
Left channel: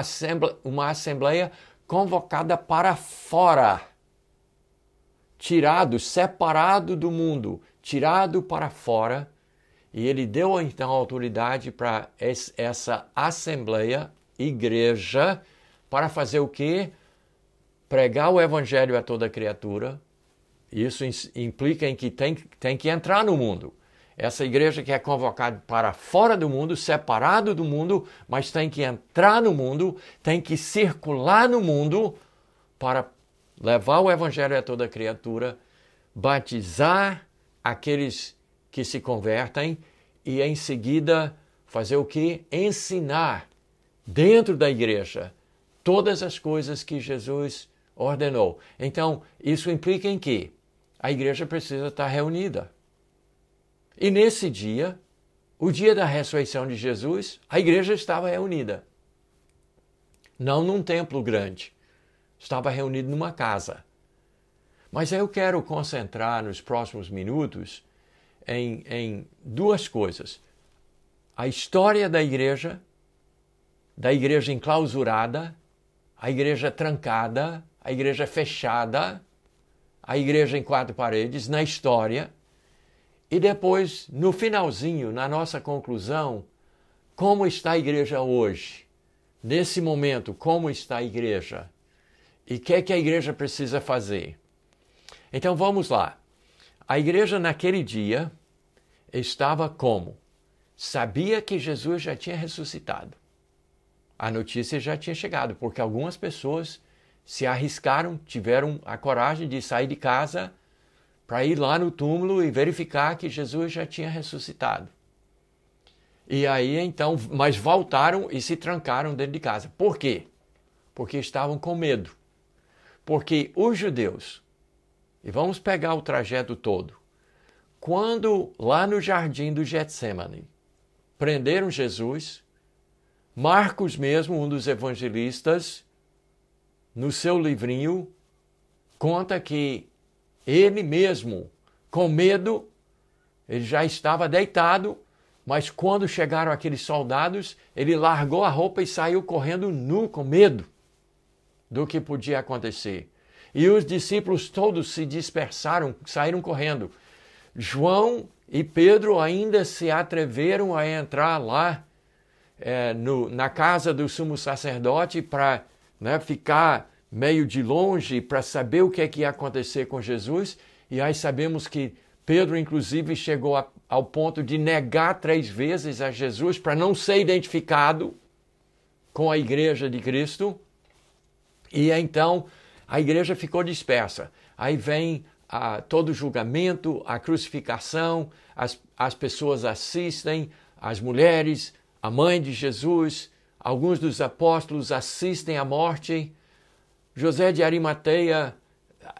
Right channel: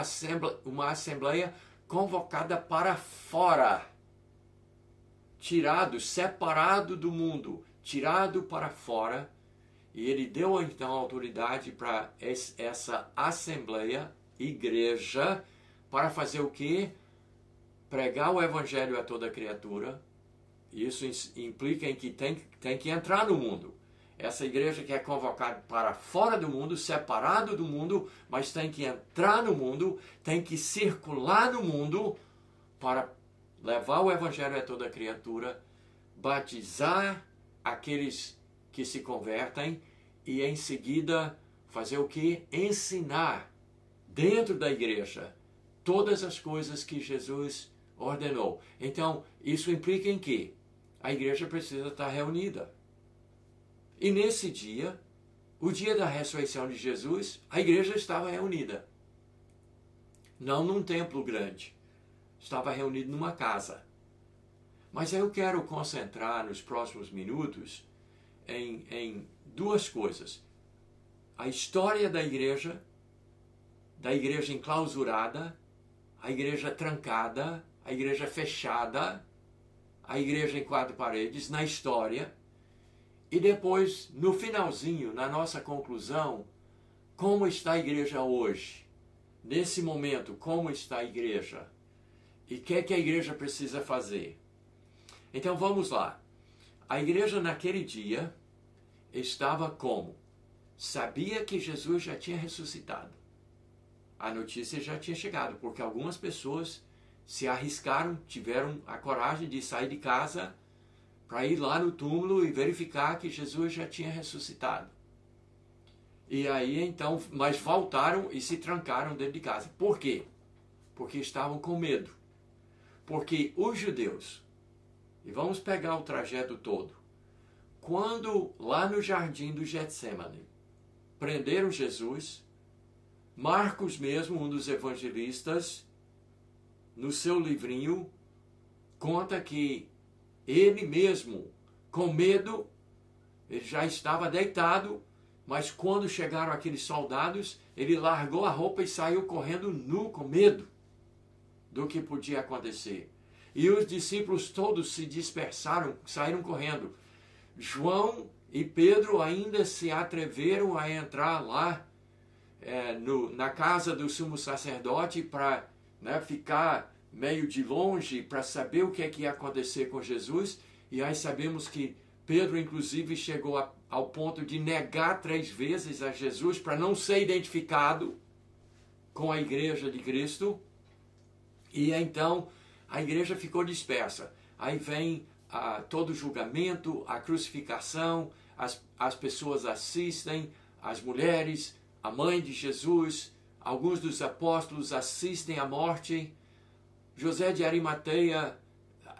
assembleia convocada para fora, tirado, separado do mundo, tirado para fora. E ele deu então autoridade para essa assembleia, igreja, para fazer o quê? Pregar o evangelho a toda criatura. Isso implica em que tem que entrar no mundo. Essa igreja que é convocada para fora do mundo, separado do mundo, mas tem que entrar no mundo, tem que circular no mundo para levar o evangelho a toda criatura, batizar aqueles que se convertem e em seguida fazer o quê? Ensinar dentro da igreja todas as coisas que Jesus ordenou. Então, isso implica em que a igreja precisa estar reunida. E nesse dia, o dia da ressurreição de Jesus, a igreja estava reunida. Não num templo grande, estava reunida numa casa. Mas eu quero concentrar nos próximos minutos em duas coisas. A história da igreja enclausurada, a igreja trancada, a igreja fechada, a igreja em quatro paredes, na história. E depois, no finalzinho, na nossa conclusão, como está a igreja hoje? Nesse momento, como está a igreja? E o que a igreja precisa fazer? Então vamos lá. A igreja naquele dia estava como? Sabia que Jesus já tinha ressuscitado. A notícia já tinha chegado, porque algumas pessoas se arriscaram, tiveram a coragem de sair de casa para ir lá no túmulo e verificar que Jesus já tinha ressuscitado. E aí então, mas voltaram e se trancaram dentro de casa. Por quê? Porque estavam com medo. Porque os judeus, e vamos pegar o trajeto todo, quando lá no jardim do Getsemane prenderam Jesus, Marcos mesmo, um dos evangelistas, no seu livrinho, conta que ele mesmo, com medo, ele já estava deitado, mas quando chegaram aqueles soldados, ele largou a roupa e saiu correndo nu, com medo do que podia acontecer. E os discípulos todos se dispersaram, saíram correndo. João e Pedro ainda se atreveram a entrar lá na casa do sumo sacerdote para ficar meio de longe para saber o que é que ia acontecer com Jesus. E aí sabemos que Pedro, inclusive, chegou ao ponto de negar 3 vezes a Jesus para não ser identificado com a igreja de Cristo. E então a igreja ficou dispersa. Aí vem todo o julgamento, a crucificação, as pessoas assistem, as mulheres, a mãe de Jesus, alguns dos apóstolos assistem à morte. José de Arimateia,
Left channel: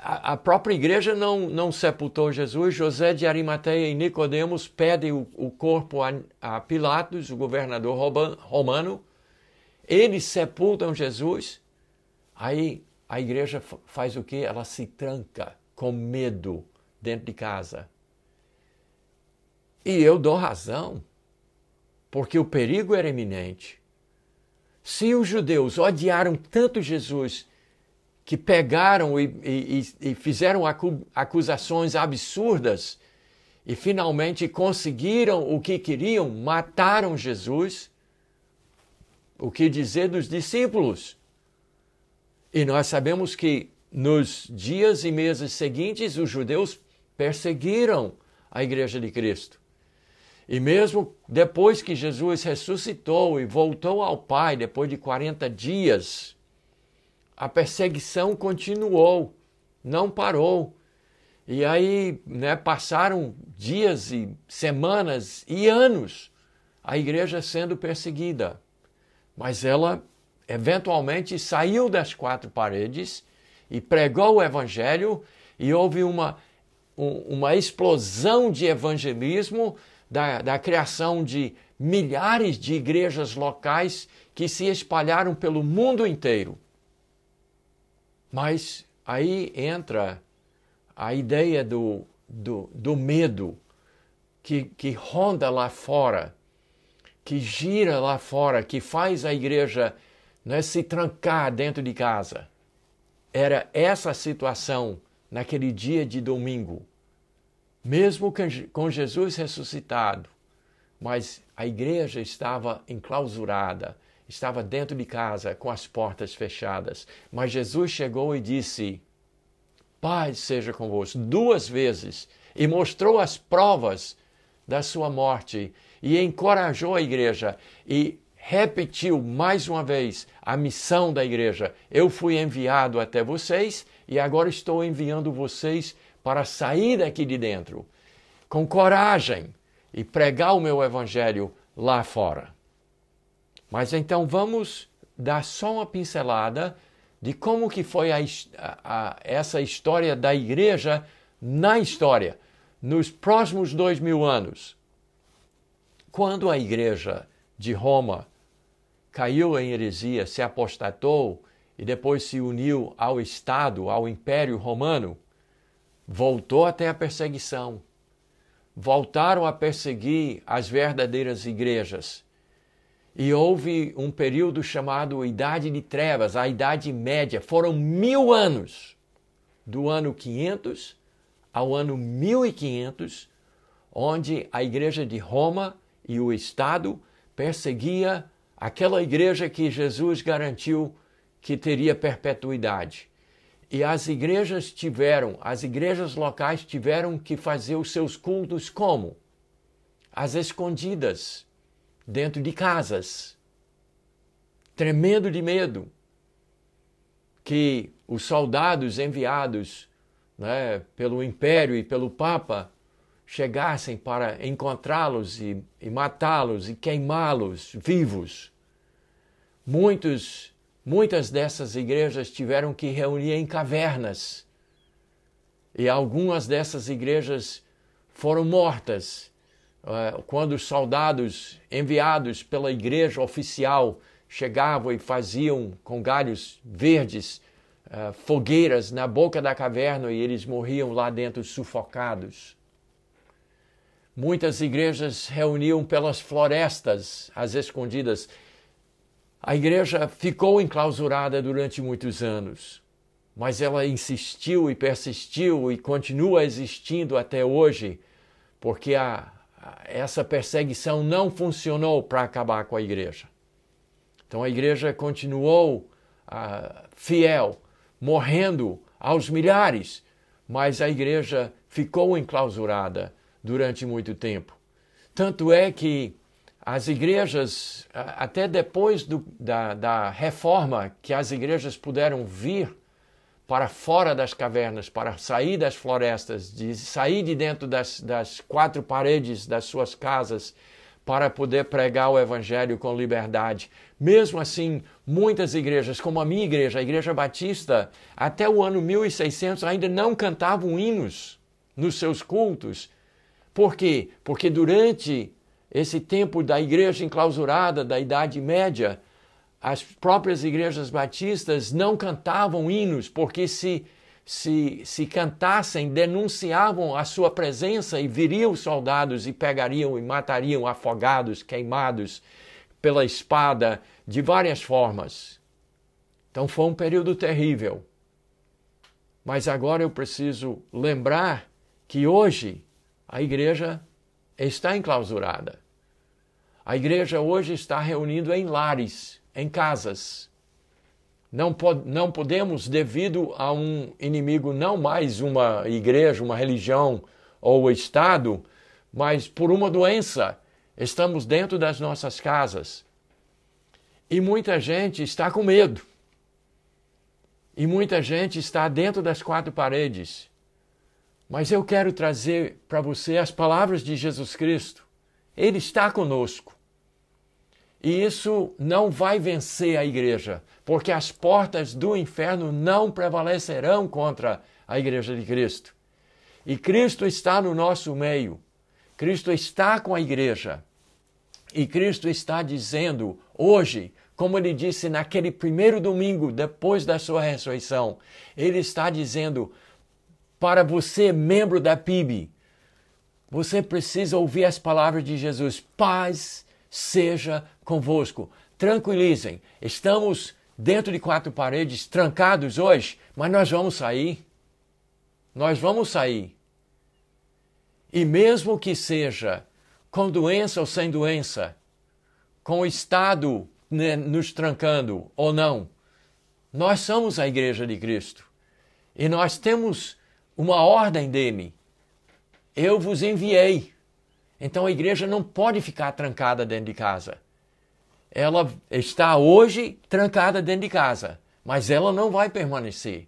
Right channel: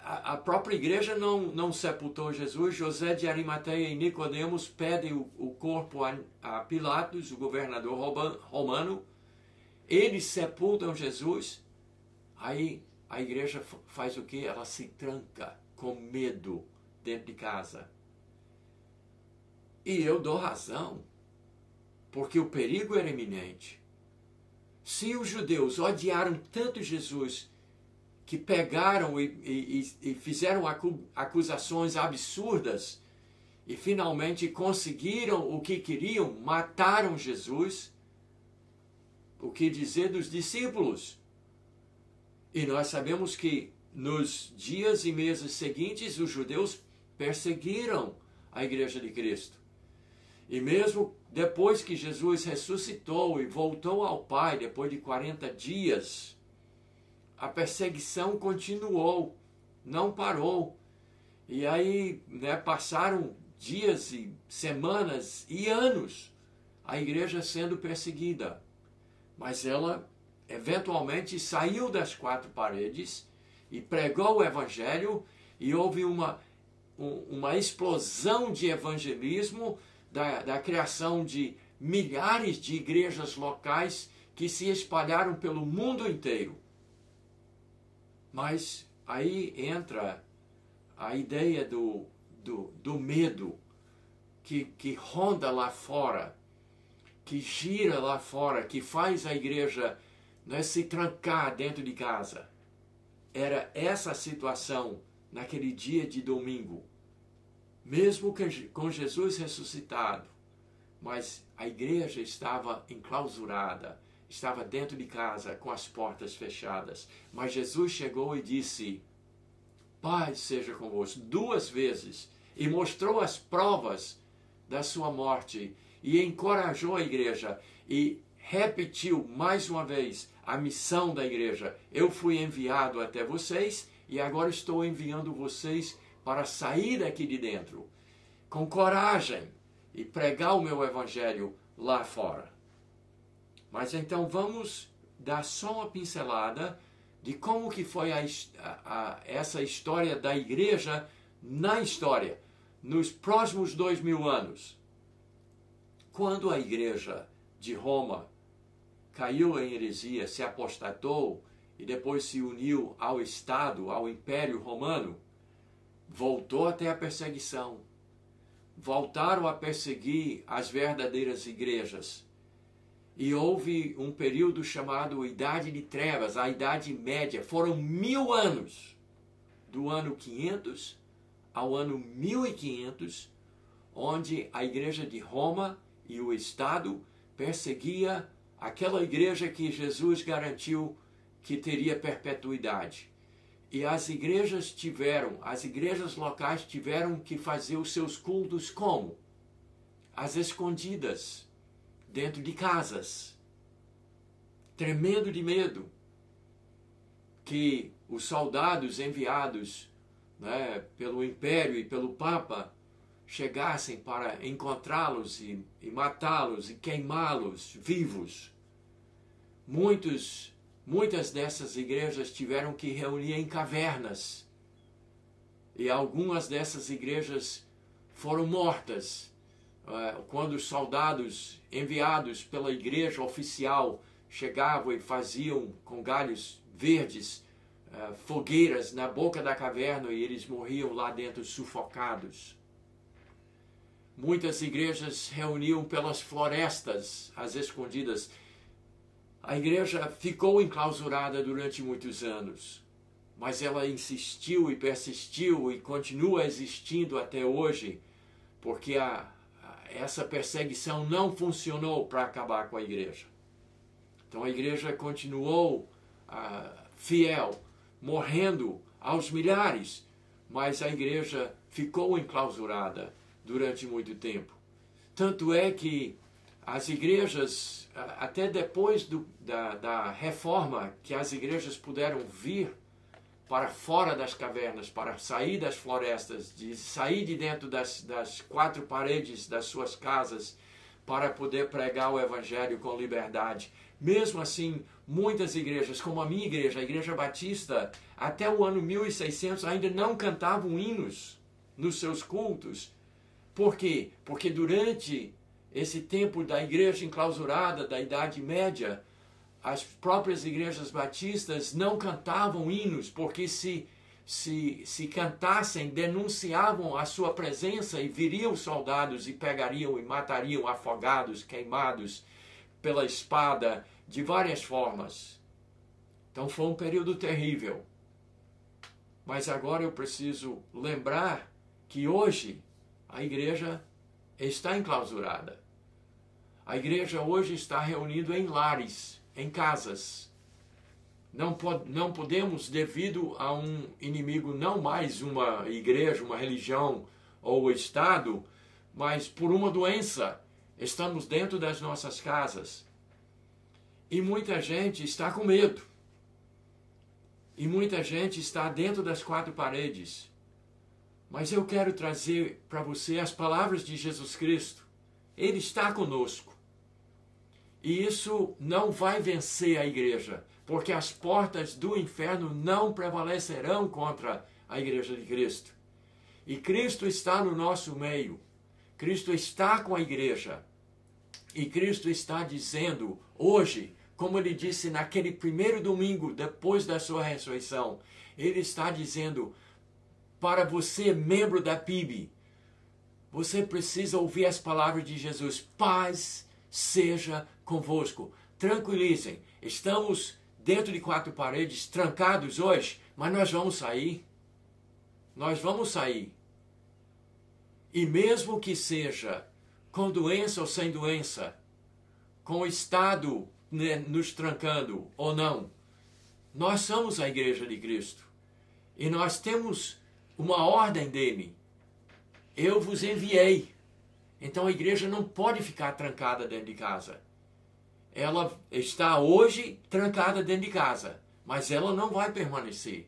a própria igreja não sepultou Jesus. José de Arimateia e Nicodemos pedem o corpo a Pilatos, o governador romano. Eles sepultam Jesus. Aí a igreja faz o quê? Ela se tranca com medo dentro de casa. E eu dou razão, porque o perigo era iminente. Se os judeus odiaram tanto Jesus que pegaram e fizeram acusações absurdas e finalmente conseguiram o que queriam, mataram Jesus, o que dizer dos discípulos? E nós sabemos que nos dias e meses seguintes os judeus perseguiram a igreja de Cristo. E mesmo depois que Jesus ressuscitou e voltou ao Pai, depois de 40 dias, a perseguição continuou, não parou. E aí passaram dias e semanas e anos a igreja sendo perseguida. Mas ela eventualmente saiu das 4 paredes e pregou o evangelho, e houve uma explosão de evangelismo, da criação de milhares de igrejas locais que se espalharam pelo mundo inteiro. Mas aí entra a ideia do medo que ronda lá fora, que gira lá fora, que faz a igreja se trancar dentro de casa. Era essa a situação naquele dia de domingo. Mesmo com Jesus ressuscitado, mas a igreja estava enclausurada, estava dentro de casa com as portas fechadas. Mas Jesus chegou e disse: paz seja convosco, 2 vezes, e mostrou as provas da sua morte e encorajou a igreja e repetiu mais uma vez a missão da igreja. Eu fui enviado até vocês e agora estou enviando vocês para sair daqui de dentro com coragem e pregar o meu evangelho lá fora. Mas então vamos dar só uma pincelada de como que foi essa história da igreja na história, nos próximos 2000 anos. Quando a igreja de Roma caiu em heresia, se apostatou e depois se uniu ao Estado, ao Império Romano, voltou até a perseguição. Voltaram a perseguir as verdadeiras igrejas. E houve um período chamado Idade de Trevas, a Idade Média. Foram 1000 anos, do ano 500 ao ano 1500, onde a igreja de Roma e o Estado perseguia aquela igreja que Jesus garantiu que teria perpetuidade. E as igrejas locais tiveram que fazer os seus cultos como? Às escondidas, dentro de casas, tremendo de medo que os soldados enviados, né, pelo Império e pelo Papa chegassem para encontrá-los e matá-los e queimá-los vivos. Muitas dessas igrejas tiveram que reunir em cavernas e algumas dessas igrejas foram mortas quando os soldados enviados pela igreja oficial chegavam e faziam com galhos verdes fogueiras na boca da caverna e eles morriam lá dentro sufocados. Muitas igrejas reuniam pelas florestas, às escondidas. A igreja ficou enclausurada durante muitos anos, mas ela insistiu e persistiu e continua existindo até hoje, porque essa perseguição não funcionou para acabar com a igreja. Então a igreja continuou fiel, morrendo aos milhares, mas a igreja ficou enclausurada durante muito tempo. Tanto é que as igrejas, até depois da reforma, que as igrejas puderam vir para fora das cavernas, para sair das florestas, de sair de dentro das quatro paredes das suas casas, para poder pregar o evangelho com liberdade. Mesmo assim, muitas igrejas, como a minha igreja, a Igreja Batista, até o ano 1600 ainda não cantavam hinos nos seus cultos. Por quê? Porque durante esse tempo da igreja enclausurada, da Idade Média, as próprias igrejas batistas não cantavam hinos, porque se cantassem, denunciavam a sua presença e viriam os soldados e pegariam e matariam afogados, queimados pela espada, de várias formas. Então foi um período terrível. Mas agora eu preciso lembrar que hoje a igreja está enclausurada. A igreja hoje está reunindo em lares, em casas. Não podemos, devido a um inimigo, não mais uma igreja, uma religião ou o Estado, mas por uma doença. Estamos dentro das nossas casas. E muita gente está com medo. E muita gente está dentro das quatro paredes. Mas eu quero trazer para você as palavras de Jesus Cristo. Ele está conosco. E isso não vai vencer a igreja, porque as portas do inferno não prevalecerão contra a igreja de Cristo. E Cristo está no nosso meio. Cristo está com a igreja. E Cristo está dizendo hoje, como ele disse naquele primeiro domingo depois da sua ressurreição, ele está dizendo para você, membro da PIB, você precisa ouvir as palavras de Jesus. Paz seja convosco. Tranquilizem. Estamos dentro de quatro paredes, trancados hoje, mas nós vamos sair. Nós vamos sair. E mesmo que seja com doença ou sem doença, com o Estado nos trancando ou não, nós somos a Igreja de Cristo. E nós temos uma ordem dele. Eu vos enviei. Então a igreja não pode ficar trancada dentro de casa. Ela está hoje trancada dentro de casa, mas ela não vai permanecer.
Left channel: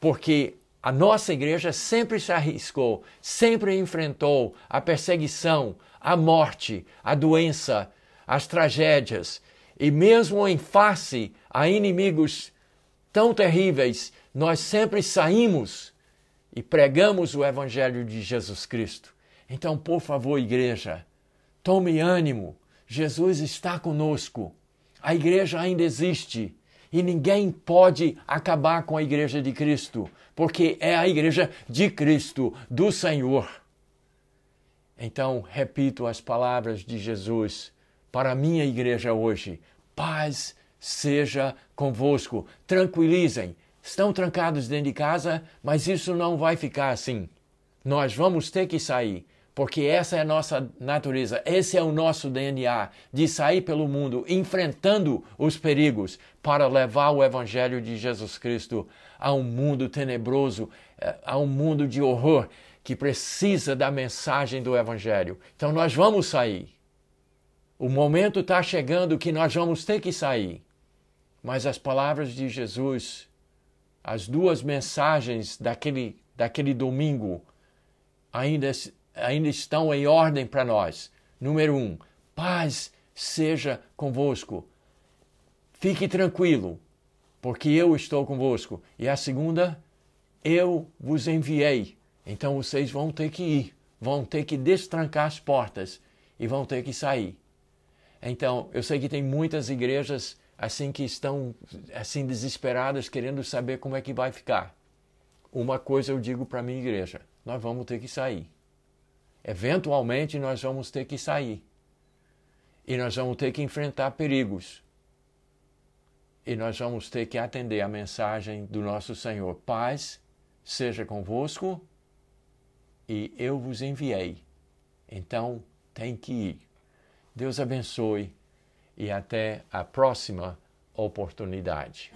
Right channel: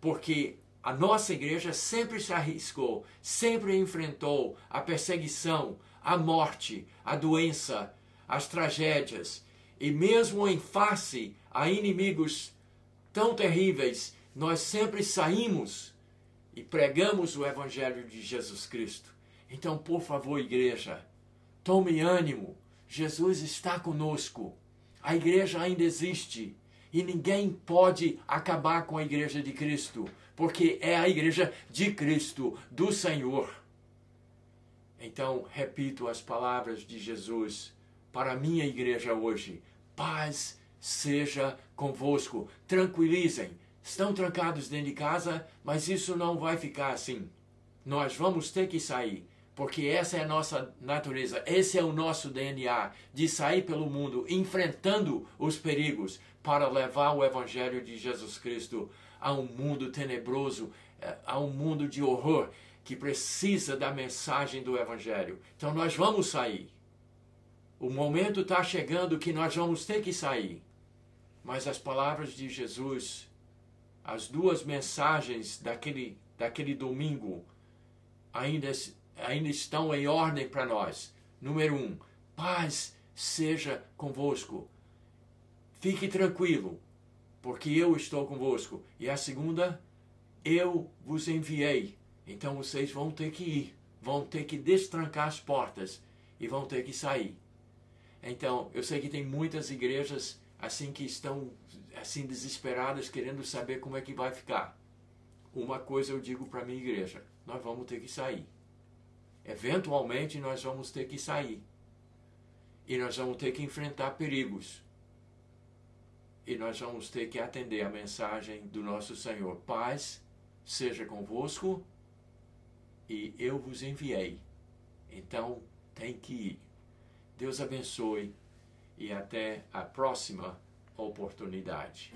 Porque a nossa igreja sempre se arriscou, sempre enfrentou a perseguição, a morte, a doença, as tragédias. E mesmo em face a inimigos tão terríveis, nós sempre saímos e pregamos o Evangelho de Jesus Cristo. Então, por favor, igreja, tome ânimo. Jesus está conosco. A igreja ainda existe. E ninguém pode acabar com a igreja de Cristo, porque é a igreja de Cristo, do Senhor. Então, repito as palavras de Jesus para a minha igreja hoje. Paz seja convosco. Tranquilizem. Estão trancados dentro de casa, mas isso não vai ficar assim. Nós vamos ter que sair, porque essa é a nossa natureza, esse é o nosso DNA, de sair pelo mundo, enfrentando os perigos, para levar o Evangelho de Jesus Cristo a um mundo tenebroso, a um mundo de horror que precisa da mensagem do Evangelho. Então nós vamos sair. O momento está chegando que nós vamos ter que sair. Mas as palavras de Jesus, as duas mensagens daquele domingo, ainda estão em ordem para nós. Número 1, paz seja convosco. Fique tranquilo, porque eu estou convosco. E a segunda, eu vos enviei. Então vocês vão ter que ir, vão ter que destrancar as portas e vão ter que sair. Então, eu sei que tem muitas igrejas assim que estão assim desesperadas, querendo saber como é que vai ficar. Uma coisa eu digo para a minha igreja, nós vamos ter que sair. Eventualmente nós vamos ter que sair. E nós vamos ter que enfrentar perigos. E nós vamos ter que atender a mensagem do nosso Senhor. Paz seja convosco e eu vos enviei. Então, tem que ir. Deus abençoe e até a próxima oportunidade.